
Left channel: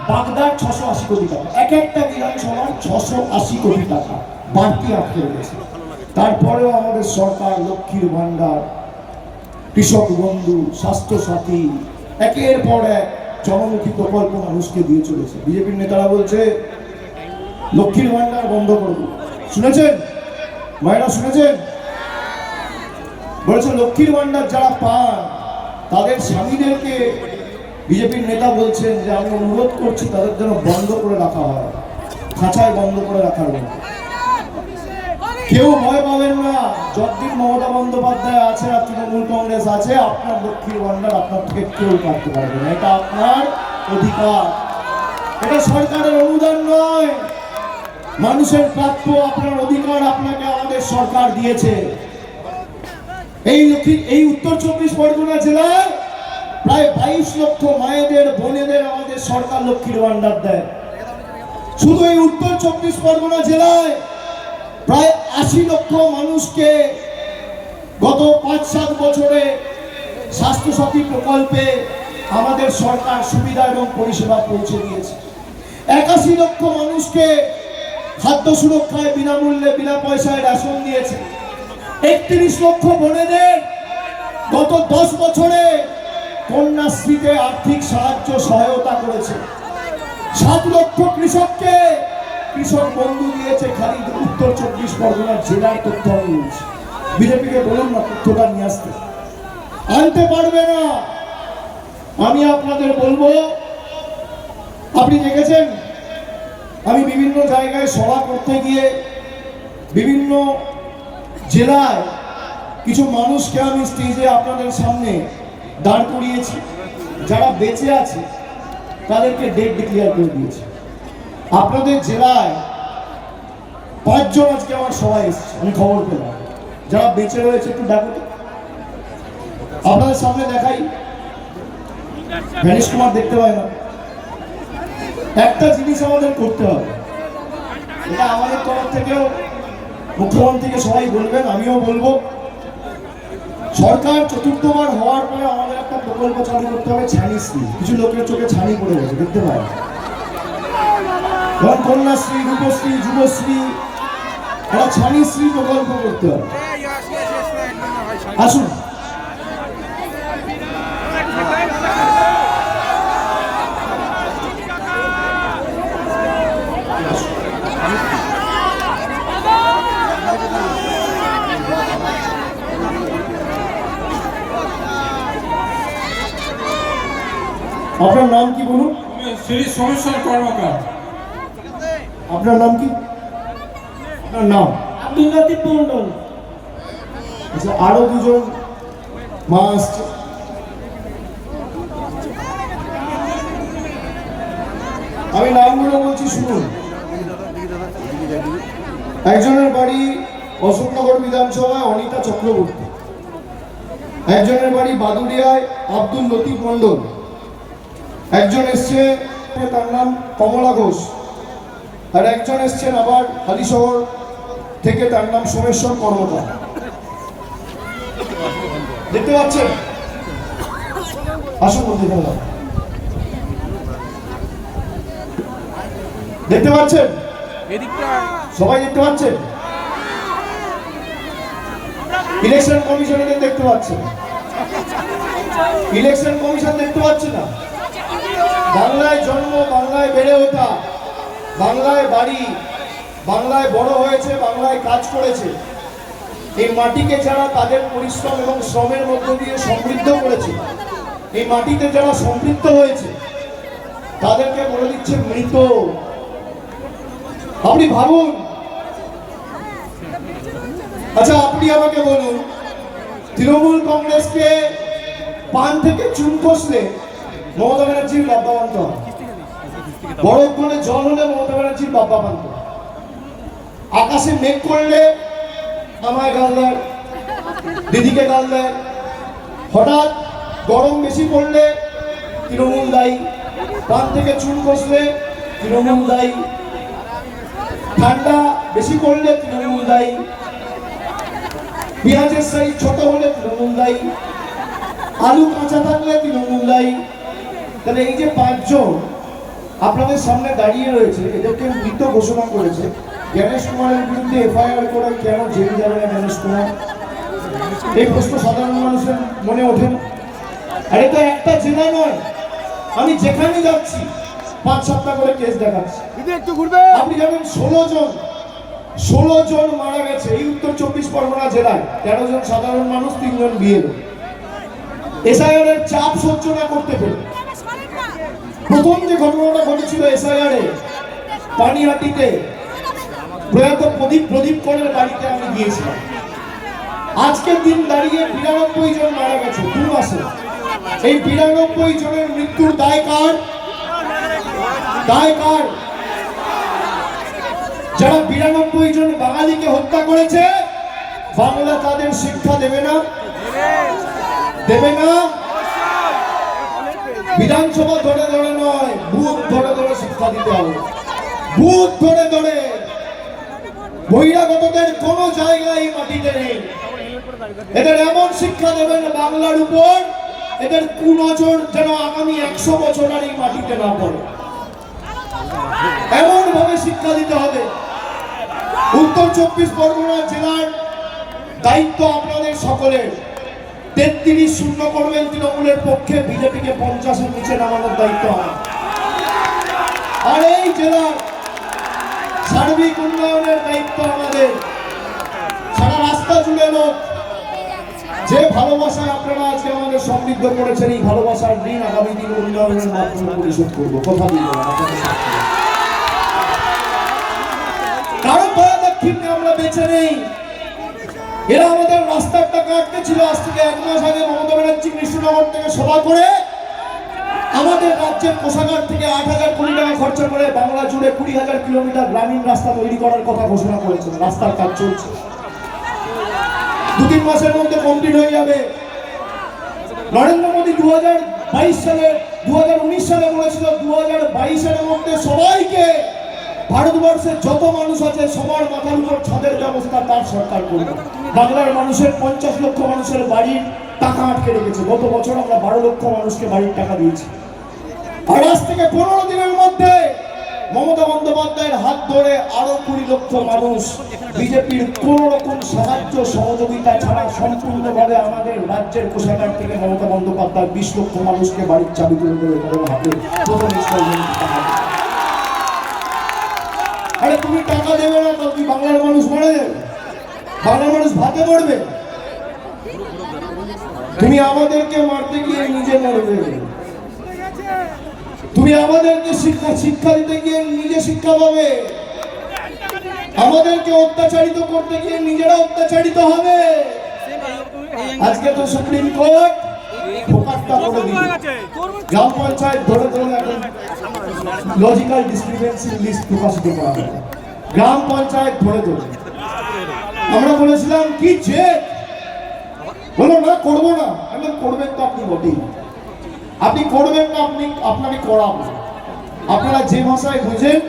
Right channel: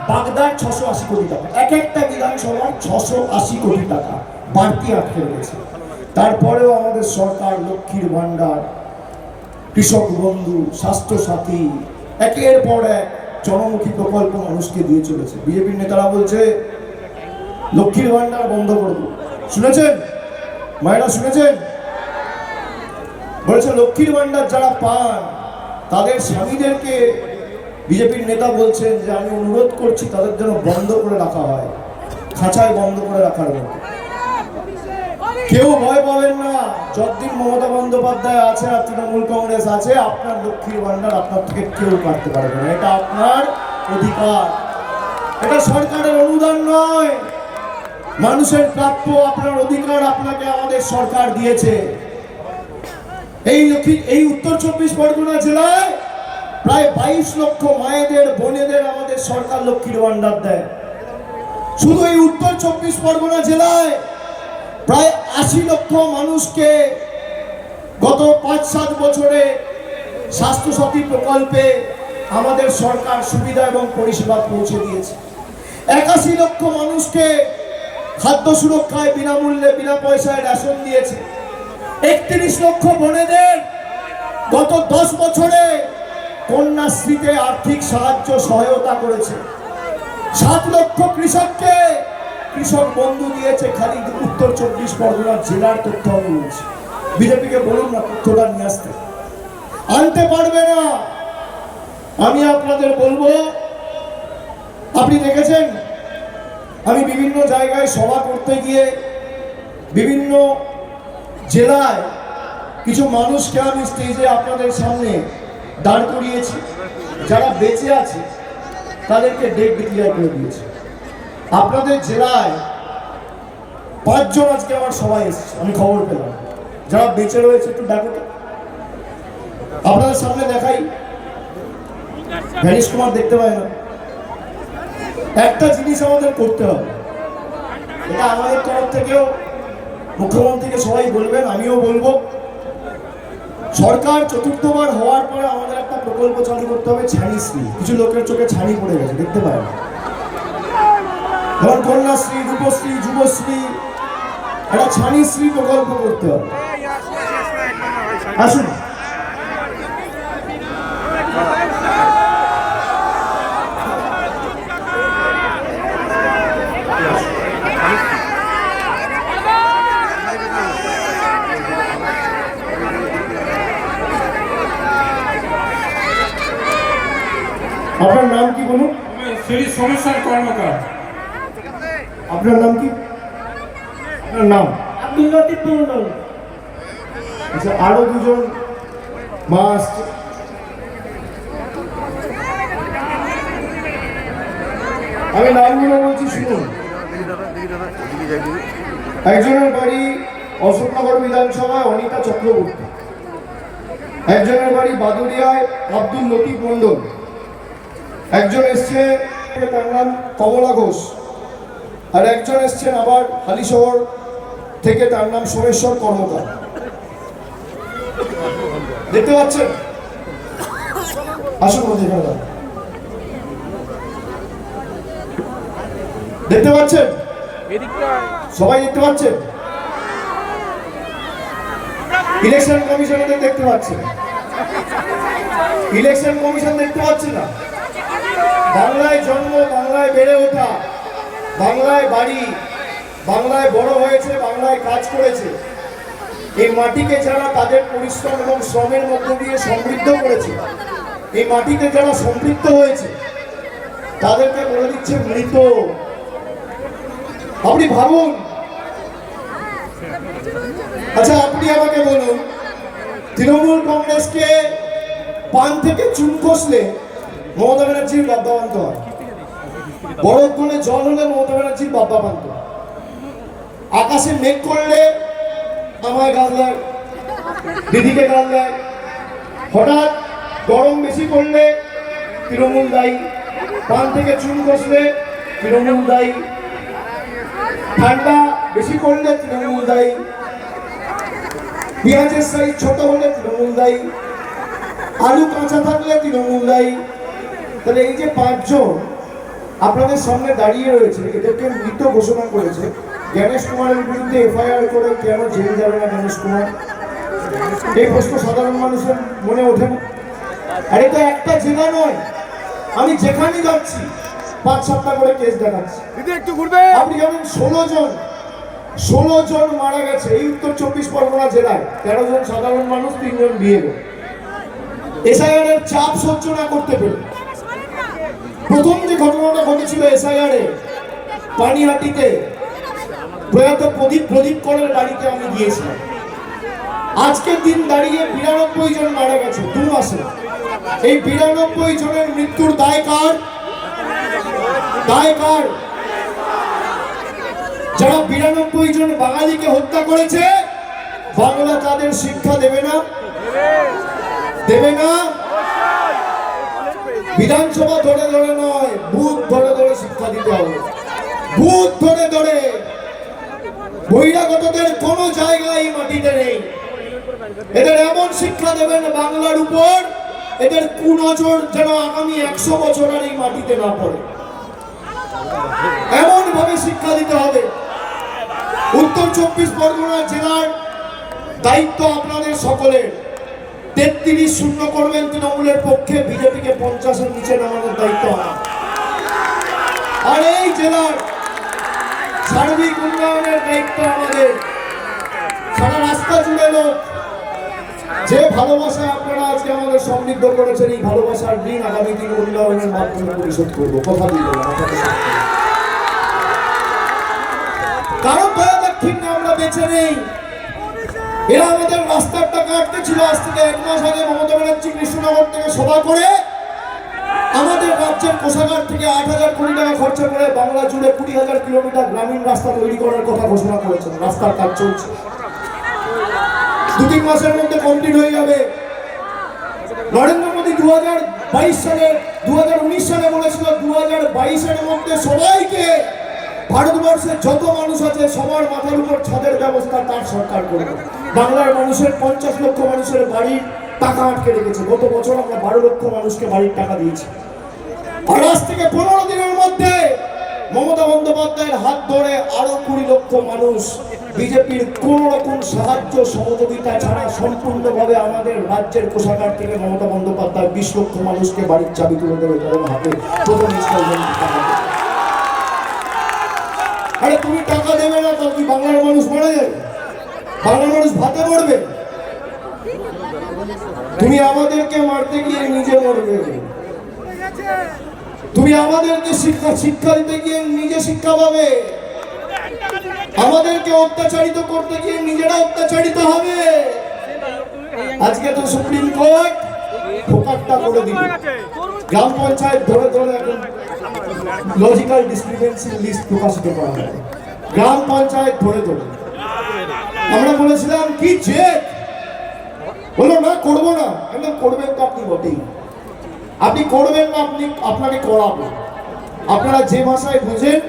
বাগদার 680 কোটি টাকা। এক একটা বিধানসভার 680 কোটি টাকা বাড়তি আটকে রয়েছে। তারপরেও আমাদের সরকার লক্ষ্মীর ভান্ডার, কৃষক বন্ধু, স্বাস্থ্য সাথী, একের পর এক জনমুখী প্রকল্প মানুষকে দিয়ে চলেছে। বিজেপির নেতারা বলছে লক্ষ্মীর ভান্ডার বন্ধ করবো, শুনেছেন মায়েরা, শুনেছেন? বলেছে লক্ষ্মীর ভান্ডার যারা পান তাদের স্বামীদেরকে বিজেপির নেতা বলছেন যে আমি অনুরোধ করছি তাদের জন্য বন্ধ করে রাখা হয়, খাঁচায় বন্ধ করে রাখার মতো। কেউ ভয় পাবেন না, যতদিন মমতা বন্দ্যোপাধ্যায় আছে আর তৃণমূল কংগ্রেস আছে, আপনার লক্ষ্মীর ভান্ডার আপনার থেকে কেউ কাটতে পারবে না। এটা আপনার অধিকার, এটা সরকারের অনুদান নয়, মানুষের প্রাপ্য আপনার অধিকার আপনাকে আমাদের সরকার দিয়েছে। এই উত্তর 24 পরগনা জেলায় প্রায় 22 লক্ষ মায়েদের বোনেদের আমাদের সরকার লক্ষ্মীর ভান্ডার দেয়। শুধু এই উত্তর 24 পরগনা জেলায় প্রায় 80 লক্ষ মানুষকে গত 5-7 বছরে স্বাস্থ্যসাথী প্রকল্পে আমাদের সরকার সুবিধা এবং পরিষেবা পৌঁছে দিয়েছে। 81 লক্ষ মানুষকে খাদ্য সুরক্ষায় বিনামূল্যে বিনা পয়সায় রেশন দিয়েছে। 31 লক্ষ বোনেদের গত 10 বছরে কন্যাশ্রীতে আর্থিক সাহায্য সহায়তা করেছে। 7 লক্ষ কৃষককে কৃষক বন্ধু দিয়েছে। খালি উত্তর 24 পরগনা জেলার তথ্য আমি বলছি। বিজেপিকে বলুন না তথ্যটা নিয়ে আসতে, আনতে পারবে না। আমি আপনাদের বলবো, আপনি দেখেছেন আমি বিভিন্ন জায়গায় সভা করতে গিয়ে বিভিন্ন জেলায় কিছু মানুষকে আমি স্টেজে আপনাদের সামনে দাঁড় করিয়েছি, যারা বেঁচে আছে তাদেরকে ডেট ডিক্লেয়ার করে দিয়েছে। আপনাদের জেলায় 5 জন আজকে আমার সবাই এসেছে, আমি খবর পেলাম। যারা বেঁচে রয়েছে একটু ডাকো তো, আপনাদের সামনে দেখাই। গণেশ কুমার দেখতে পায় না। একটা জিনিস আমাদের করতে হবে, এটা আমাদের তরফ থেকেও মুখ্যমন্ত্রীকে সবাই বলবেন, আমিও বলবো। সরকার চতুর্থবার হওয়ার পরে আমাদের একটা প্রকল্প চালু করতে হবে, ছানিশ্রী। কিছু লোকের চোখে ছানি পড়ে গেছে, দেখতে পায় না। কন্যাশ্রী, রূপশ্রী, যুবশ্রী, একটা ছানিশ্রী প্রকল্প করতে হবে। আসুন, আপনার নাম কি বলুন? শ্রী সমস্যার কর্মকার। আপনার নাম কি? আপনার নাম? আব্দুল লতিফ মন্ডল। আচ্ছা, আরো 2 জন মা আসছে। আমি নামগুলো বলছি, শুনুন। একজনের বাড়ি অশোকনগর বিধানসভায় অনিতা চক্রবর্তী, একজনের বাড়ি বাদুড়িয়ায় আব্দুল লতিফ মন্ডল, একজন এসছে তার নাম কমলা ঘোষ, আর একজন এসছেন আবার হালিশহর থেকে, তার নাম সোমেশ্বর কর্মকার। দেখতে পাচ্ছেন? আসুন মধ্যে গেলাম, দেখতে পাচ্ছেন? সবাই দেখতে পাচ্ছেন? ইলেকশন কমিশন এদের দেখতে পাচ্ছে না। ইলেকশন কমিশন দেখতে পাচ্ছে না। বাংলায় জন্ম, বাংলায় বেড়ে ওঠা, বাংলায় বাড়ি, বাংলায় বড় হয়েছে, বাংলায় কাজ করেছে। এই মাটিকে যারা তাদের পরিশ্রম এবং শ্রমের মধ্য দিয়ে সমৃদ্ধ করেছে, এই মাটিতে যারা সম্পৃক্ত হয়েছে, তাদেরকে বলে দিচ্ছে মৃত। আপনি ভাবুন। আচ্ছা, আপনি আমাকে বলুন, তৃণমূল কংগ্রেসকে পান থেকে চুন খসলে মমতা ব্যানার্জির বাবা বান্ত হয়, বরফ করে জল হলে মমতা ব্যানার্জির বাবা বান্ত, আকাশে মেঘ করলে আমায় গাল দেয়, দিদিকে গাল দেয়, হঠাৎ গরম বেশি করলে তৃণমূল দায়ী, পান থেকে চুন খসলে তৃণমূল দায়ী, ঠান্ডা বেশি করলে তৃণমূল দায়ী, পেঁয়াজের সাইজ ছোট হলে তৃণমূল দায়ী, আলু কাঁচা থাকলে তৃণমূল দায়ী। তাহলে এই যে 5 জন আপনাদের সামনে দাঁড়িয়ে রয়েছে, এদেরকে মৃত ঘোষণা করেছে। গণেশ কুমারের বিরুদ্ধে এফআইআর করে কেন জেলে যাবে না গণেশ কুমার? এই প্রশ্ন সাধারণ মানুষের মনে ওঠে না। আর এটা একটা জেলা নয়, আমি যেখানে যাচ্ছি 5-7টা করে কেস দেখাচ্ছি। আপনি জানেন 16 জন মারা গেছে এই উত্তর 24 পরগনা জেলায়। 13 জন সাধারণ মানুষ, 3 জন বিয়ে। এসআইআর এর চাপ সহ্য না করতে পেরে প্রথম যে ঘটনাটা ঘটেছিল এসআইআর এ পানিহাটিতে প্রয়াত প্রদীপ করের বাড়িতে আমি গিয়েছিলাম। আজকের দিন দাঁড়িয়ে 92 জন মারা গেছে 2 মাসে। এই 92 জনের মৃত্যুর দায় কার? যারা 92 জন বাঙালিকে হত্যা করেছে, বাংলা তাদের শিক্ষা দেবে না? বিধানসভা ধরে ধরে নয়, বুথ ধরে ধরে শিক্ষা দিতে হবে। বুথ ধরে ধরে। বহিরাগতদের কোনো জায়গায় মাটিতে নেই। এদের এমন শিক্ষা দেবেন বাংলার উপর, এদের কুনজর যেন আগামী 100 বছর আর এই মাটিতে না পড়ে, এমন ভাবে শিক্ষা দিতে হবে। উত্তর 24 পরগনা জেলার দায়িত্ব আপনাদের সকলের। 33 শূন্য করবেন তৃণমূলের পক্ষে, বিজেপিকে 50-এর নিচে নামানোর দায়িত্ব আমার। আর এই জেলার সার্বিক উন্নয়নের দায়িত্ব আমাদের। সারা রাস্তা জুড়ে লোক, যে ভালোবাসায় আপনারা আজকে আমাদের সমৃদ্ধ করেছেন, এই ভালোবাসার ঋণ আগামী দিন উন্নয়নের মাধ্যমে পরিশোধ করবো। কথা দিল কারণ আমরা বেঁচে নেই। এরা আমাদের রাস্তার টাকা আটকে ছিল। আজ থেকে 1 মাস আগে মমতা ব্যানার্জি কৃষ্ণনগর থেকে সভা করে আমাদের রাজ্যের কোষাগার থেকে 8,000 কোটি টাকা খরচা করে বাংলা জুড়ে 20,000 কিলোমিটার গ্রামীণ রাস্তা তৈরি করার কথা ঘোষণা করেছেন। রাস্তার কাজ চলছে, 2-3 মাসের মধ্যে কমপ্লিট হয়ে যাবে। নরেন্দ্র মোদী 2019 সালে বলেছিল 2022-এর মধ্যে সবাইকে, ভারতবর্ষের যত মানুষ আছে সবার মাথার উপর ছাদের ব্যবস্থা তার সরকার করবে। বাংলার মানুষের 50 লক্ষ মানুষের বাড়ির টাকা আটকে রেখেছে। গত বছর আমরা 12 লক্ষ মানুষকে বাড়ির টাকা দিয়েছি। আর আজ থেকে 15 দিনের মধ্যে মমতা বন্দ্যোপাধ্যায়ের হাত ধরে আরো 20 লক্ষ মানুষ বিজেপির কোন রকম সাহায্য সহযোগিতা ছাড়া সম্পূর্ণভাবে আমাদের রাজ্যের কোষাগার থেকে মমতা বন্দ্যোপাধ্যায় 20 লক্ষ মানুষকে বাড়ির চাবি তুলে দেবে। আরে তুমি টাকা দেবে না তো কি বাংলার মানুষ মারা যাবে? বাংলার মানুষ ভাতে মরবে? তুমি আমাদেরকে মারতে গিয়ে নিজে মরবে। তুমি আমাদেরকে শিক্ষা দিতে গিয়ে নিজে শিক্ষা পাবে। আমাদেরকে অত্যাচারিত করতে গিয়ে নিজেরা অত্যাচারিত হবে। আজকে তো সুপ্রিম কোর্ট ফোকাটটা করে দিল। গ্রাম পঞ্চায়েত ধরে ধরে এখন লজিক্যাল ডিসক্রিপেন্সি লিস্ট প্রকাশিত করা হয়। গ্রাম পঞ্চায়েত ধরে ধরে আমরা বলেছিলাম কি জেদ, বলো না করবো না। একদম করবেন তো আপনি বটেই, আপনি করবেন না, আপনাকে করাবো। আপনারা যে ভাষায় বুঝেন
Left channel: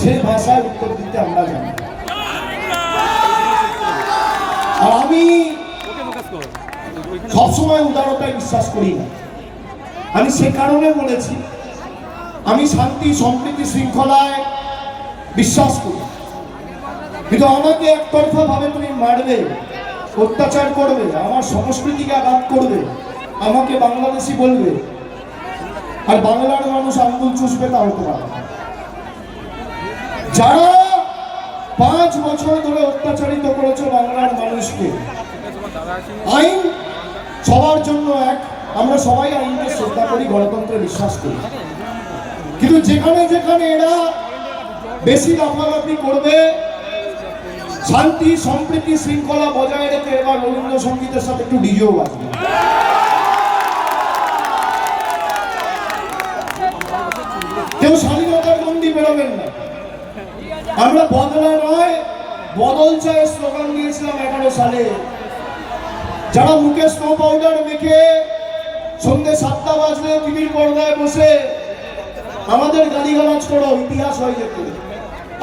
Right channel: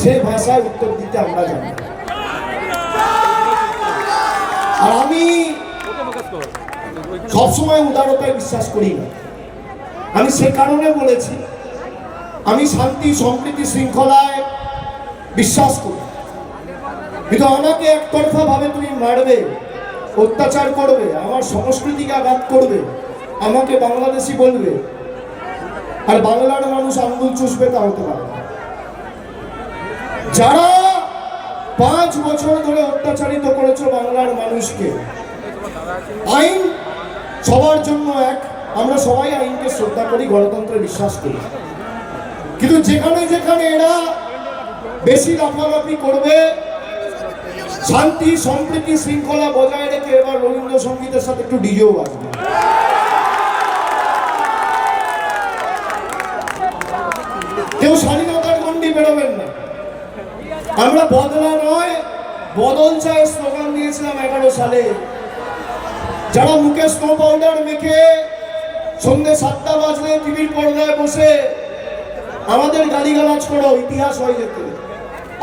সেই ভাষায় উত্তর দিতে আমরা জানি। আর আমি সবসময় উদারতায় বিশ্বাস করি না। আমি সে কারণে বলেছি, আমি শান্তি সম্প্রীতি শৃঙ্খলায় বিশ্বাস করি, কিন্তু আমাকে একতরফা ভাবে তুমি মারবে, অত্যাচার করবে, আমার সংস্কৃতিকে আঘাত করবে, আমাকে বাংলাদেশি বলবে, আর বাংলার মানুষ আঙ্গুল চুষবে, তা হতে পারে না। যারা 5 বছর ধরে অত্যাচারিত করেছে বাংলার মানুষকে, আইন সবার জন্য এক। আমরা সবাই আইনকে শ্রদ্ধা করি, গণতন্ত্রে বিশ্বাস করি, কিন্তু যেখানে যেখানে এরা বেশি লাফালাফি করবে, শান্তি সম্প্রীতি শৃঙ্খলা বজায় রেখে এবার রবীন্দ্রসঙ্গীতের সাথে একটু ডিজেও বাজবে। কেউ স্বাধীনতার গণ্ডি বেরোবেন না। আমরা বদলা নয় বদল চাই স্লোগান দিয়েছিলাম 11 সালে। যারা মুখে স্নো পাউডার মেখে সন্ধ্যে 7টা বাজলে টিভির পর্দায় বসে আমাদের গালিগালাজ করো, ইতিহাস হয়ে যেত।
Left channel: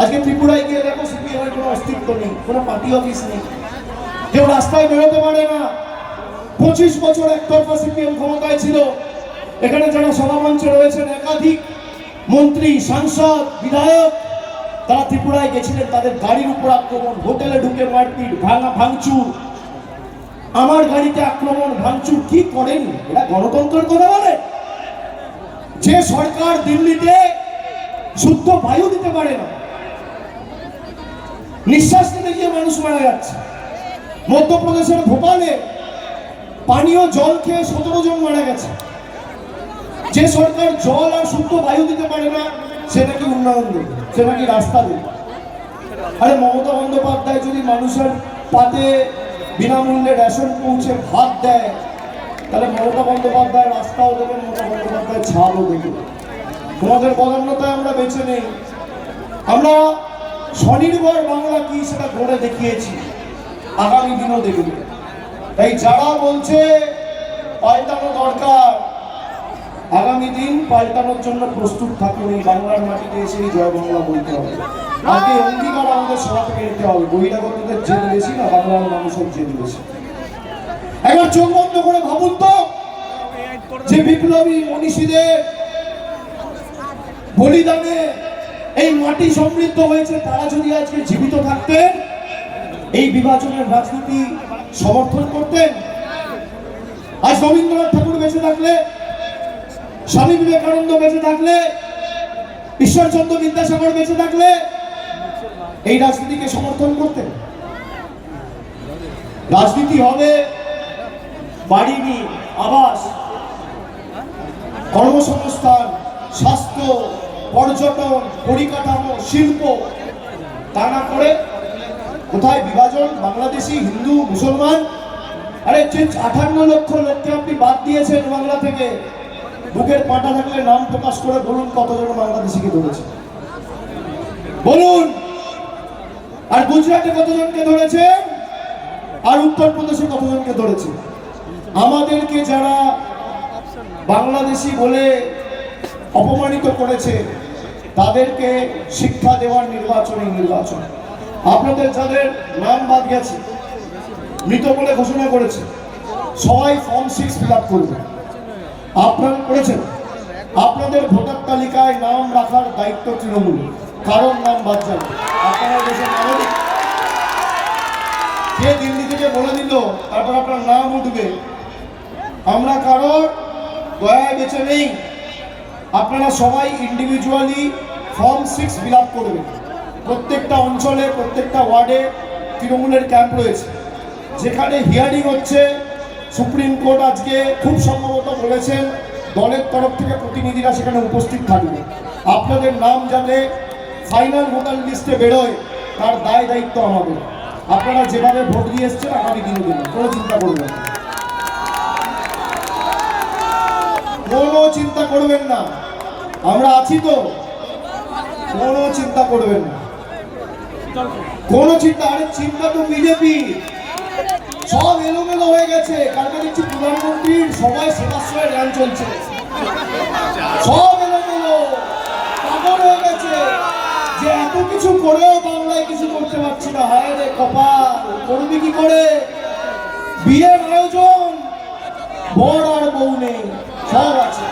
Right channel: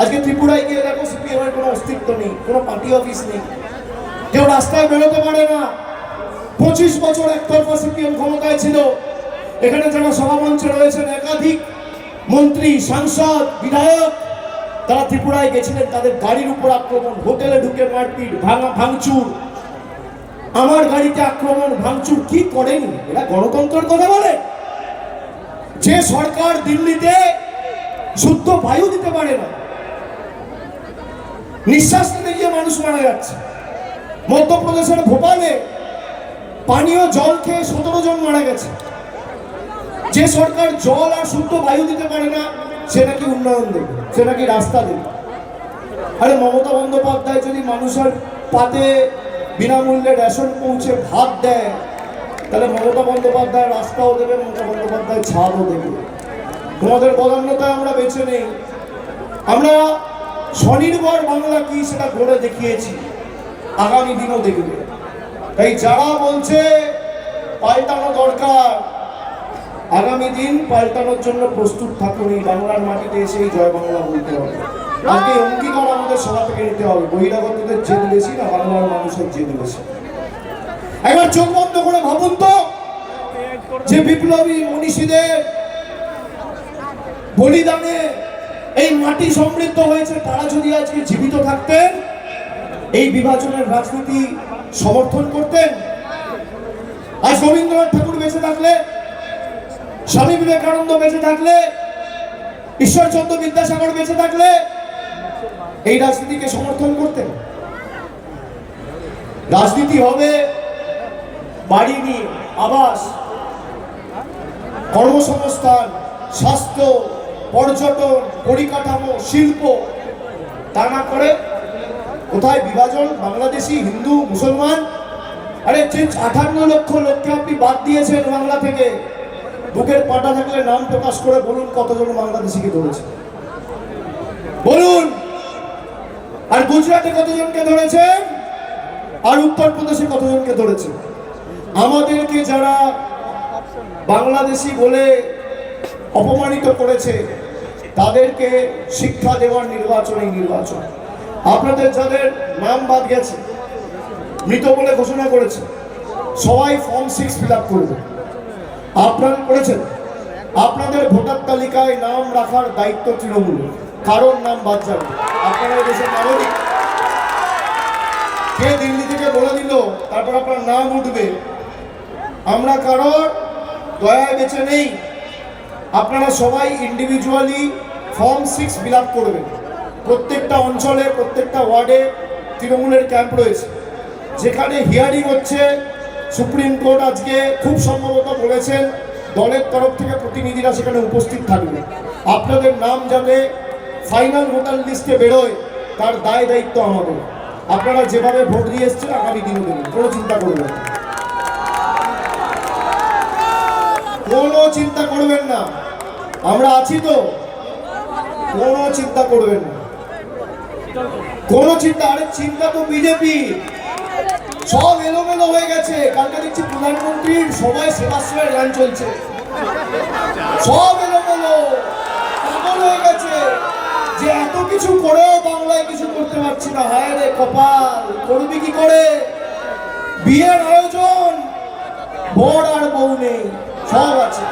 আজকে ত্রিপুরায় গিয়ে দেখো সিপিএম এর কোনো অস্তিত্ব নেই, কোনো পার্টি অফিস নেই, কেউ রাস্তায় বেরোতে পারে না। 25 বছর একতরফা সিপিএম ক্ষমতায় ছিল। এখানে যারা সভামঞ্চে রয়েছেন একাধিক মন্ত্রী, সাংসদ, বিধায়ক, তারা ত্রিপুরায় গেছিলেন, তাদের গাড়ির উপর আক্রমণ, হোটেলে ঢুকে মারপিট, ভাঙচুর, আমার গাড়িতে আক্রমণ ভাঙচুর। কি করেনি এরা? গণতন্ত্রের কথা বলে। যে সরকার দিল্লিতে শুদ্ধ বায়ু দিতে পারে না, নিঃশ্বাস নিতে গিয়ে মানুষ মারা যাচ্ছে। মধ্যপ্রদেশের ভোপালে পানীয় জল খেয়ে 17 জন মারা গেছে। যে সরকার জল আর শুদ্ধ বায়ু দিতে পারে না, সে নাকি উন্নয়ন দেবে, সে নাকি রাস্তা দেবে। আরে মমতা বন্দ্যোপাধ্যায় যদি মানুষের পাতে বিনামূল্যে রেশন পৌঁছে ভাত দেয়, তাহলে মমতা বন্দ্যোপাধ্যায় রাস্তাও দেবে, মমতা বন্দ্যোপাধ্যায় ছাদও দেবে। তোমাদের বদান্যতায় আমরা বেঁচে নেই। আমরা স্বনির্ভর বাংলা কি সেটা করে দেখিয়েছি, আগামী দিনও দেখবে। তাই যারা বলছে পাল্টানো দরকার, আগামী দিন পাল্টানোর জন্য প্রস্তুত থাকুন। এই বাংলার মাটিতে এসেই জয় বাংলা বলতে হবে। আজকে অঙ্গীকার আমাদের সভা থেকে নিতে হবে। বহিরাগতদের জেদ বেশি না, বাংলার মানুষের জেদ বেশি। একবার চোখ বন্ধ করে ভাবুন তো, যে বিপ্লবী মনীষীদের বলিদানে এই মাটি সমৃদ্ধ হয়েছে, তারা যদি আজকে জীবিত থাকতেন, এই বিভাজনের রাজনীতি সমর্থন করতেন। আজ রবীন্দ্রনাথ ঠাকুর বেঁচে থাকলে, স্বামী বিবেকানন্দ বেঁচে থাকলে, ঈশ্বরচন্দ্র বিদ্যাসাগর বেঁচে থাকলে এই রাজনীতিকে সমর্থন করতেন? রাজনীতি হবে বাড়ি নিয়ে, আবাস, কর্মসংস্থান, স্বাস্থ্য, পর্যটন, পরিকাঠামো, শিল্প। তা না করে কোথায় বিভাজন? বাংলাদেশি, হিন্দু, মুসলমান। আরে যে 58 লক্ষ লোককে আপনি বাদ দিয়েছেন বাংলা থেকে, বুকের পাটা থাকলে নাম প্রকাশ করে বলুন কতজন বাংলাদেশিকে ধরেছে, বলুন। আর গুজরাটে কতজনকে ধরেছে, আর উত্তরপ্রদেশে কতজনকে ধরেছে? আমাদেরকে যারা বাংলাদেশি বলে অপমানিত করেছে, তাদেরকে শিক্ষা দেওয়ার নির্বাচনই নির্বাচন। আপনাদের যাদের নাম বাদ গেছে, মৃত বলে ঘোষণা করেছে, সবাই ফর্ম 6 ফিল আপ করবে। আপনারা করেছেন? আপনাদের ভোটার তালিকায় নাম রাখার দায়িত্ব তৃণমূল। কারণ নাম বাদ যাবে। আপনারা দেশের নাগরিক, কে দিল্লি থেকে বলে দিল তারপর আপনার নাম উঠবে। আমরা কারোর দয়ায় বেঁচে নেই। আপনারা সবাই ইন্ডিভিজুয়ালি ফর্ম 6 ফিল আপ করবেন। প্রত্যেকটা অঞ্চলে, প্রত্যেকটা ওয়ার্ডে তৃণমূলের ক্যাম্প রয়েছে, যেখানে হিয়ারিং হচ্ছে। সুপ্রিম কোর্ট আজকে খুব সম্ভবত বলেছেন দলের তরফ থেকে প্রতিনিধিরা সেখানে উপস্থিত থাকবে। আপনাদের নাম যাতে ফাইনাল ভোটার লিস্টে বেরোয়, তার দায় দায়িত্ব আমাদের। আপনারা যেভাবে ভোট দিয়ে এসছেন, আগামী দিনও দেবেন, কোনো চিন্তা করবেন না, কোনো চিন্তা করবেন না। আমরা আছি তো, কোনো চিন্তা করবেন না, কোনো চিন্তা। আরে চিন্তা তো বিজেপি, সব এলোমেলো হয়ে গেছে। কালকে দেখছি প্রধানমন্ত্রীর সবাই সেবাশ্রয়ের গান চলছে, সব এলোমেলো, পাগল হয়ে গেছে যে এত কিছু করেও বাংলায় কিছু করতে পারছি না। হায় রে কপাল, করবি কি করে? বিয়ের আয়োজন, বর আর বউ নেই, সব আছে।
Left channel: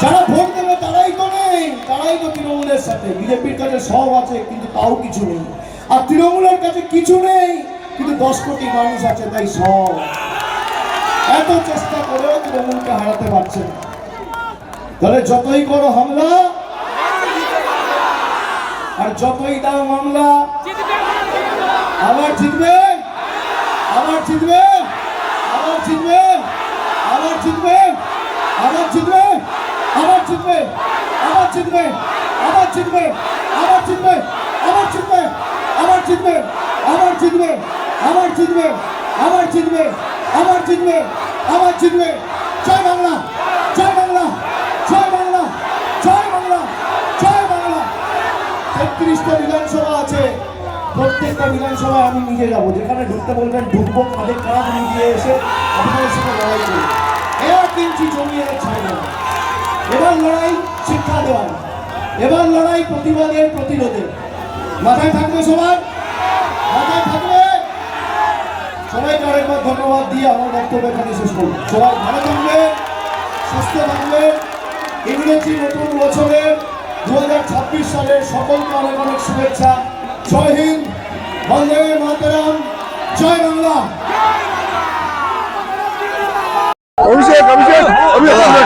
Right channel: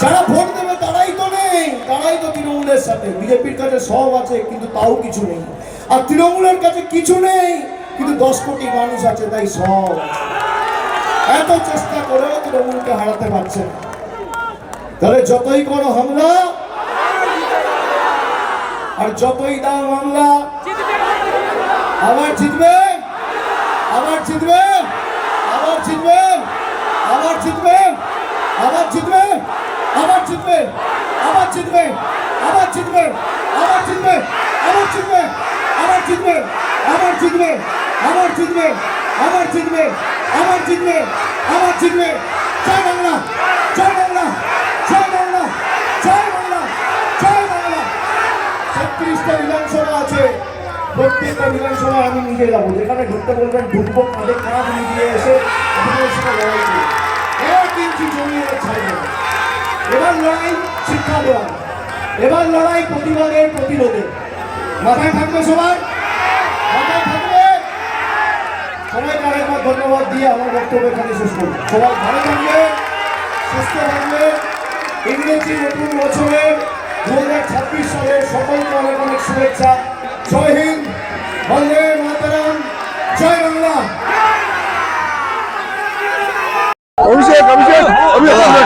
যারা ভোট দেবে তারাই তো নেই, তারাই তো তৃণমূলের সাথে। বিজেপির কাছে সব আছে কিন্তু তাও কিছু নেই। আর তৃণমূলের কাছে কিছু নেই কিন্তু 10 কোটি মানুষ আছে, তাই সব। এত চেষ্টা করেও তৃণমূলকে হারাতে পারছে না। তাহলে যতই করো হামলা আর যতই দাও মামলা, আবার জিতবেন, আবার জিতবেন, আবার জিতবেন, আবার জিতবেন, আবার জিতবেন, আবার জিতবেন, আবার জিতবেন, আবার জিতবেন, আবার জিতবেন, আবার জিতবেন, আবার জিতবেন, আবার জিতবেন, আবার জিতবেন, আবার জিতবেন, আবার জিতবেন, আবার জিতবেন। জয় বাংলা, জয় বাংলা, জয় বাংলা, জয় বাংলা, জয় বাংলা। 36টা বিধানসভা আছে, প্রত্যেকটা বিধানসভা আমি নিজে যাবো। যেখানে ঢুকতে বলবেন ঢুকবো, তাদের কাজ নিয়ে এসে আপনাদের সাথে লড়াই করি। 1 ইঞ্চি জমিয়ে ছাড়বো। এবার লড়াই শিক্ষা দেওয়া, এবার লড়াই প্রতিবাদের, প্রতিরোধে। মাথায় থাকবে সবার, মাথায় থাকবে। সবাইকে আরেকবার ধন্যবাদ দিয়ে আমার বক্তব্য এখানে শেষ করব। সবাই ভালো থাকবে, সুস্থ থাকবে। ইংরেজি নতুন বছরের 2026 সালের সকলকে অনেক অনেক শুভেচ্ছা। জয় হিন্দ, বন্দে মাতরম, জয় বাংলা। অভিষেক অভিষেক অভিষেক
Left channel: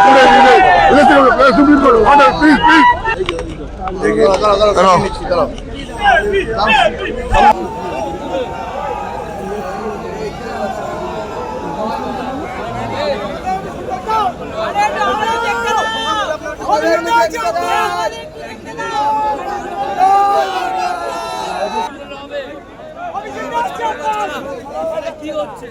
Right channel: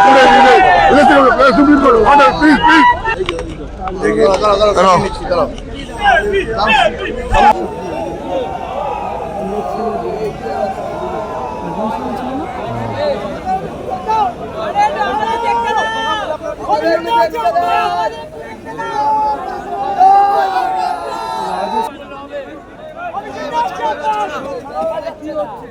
কি হচ্ছে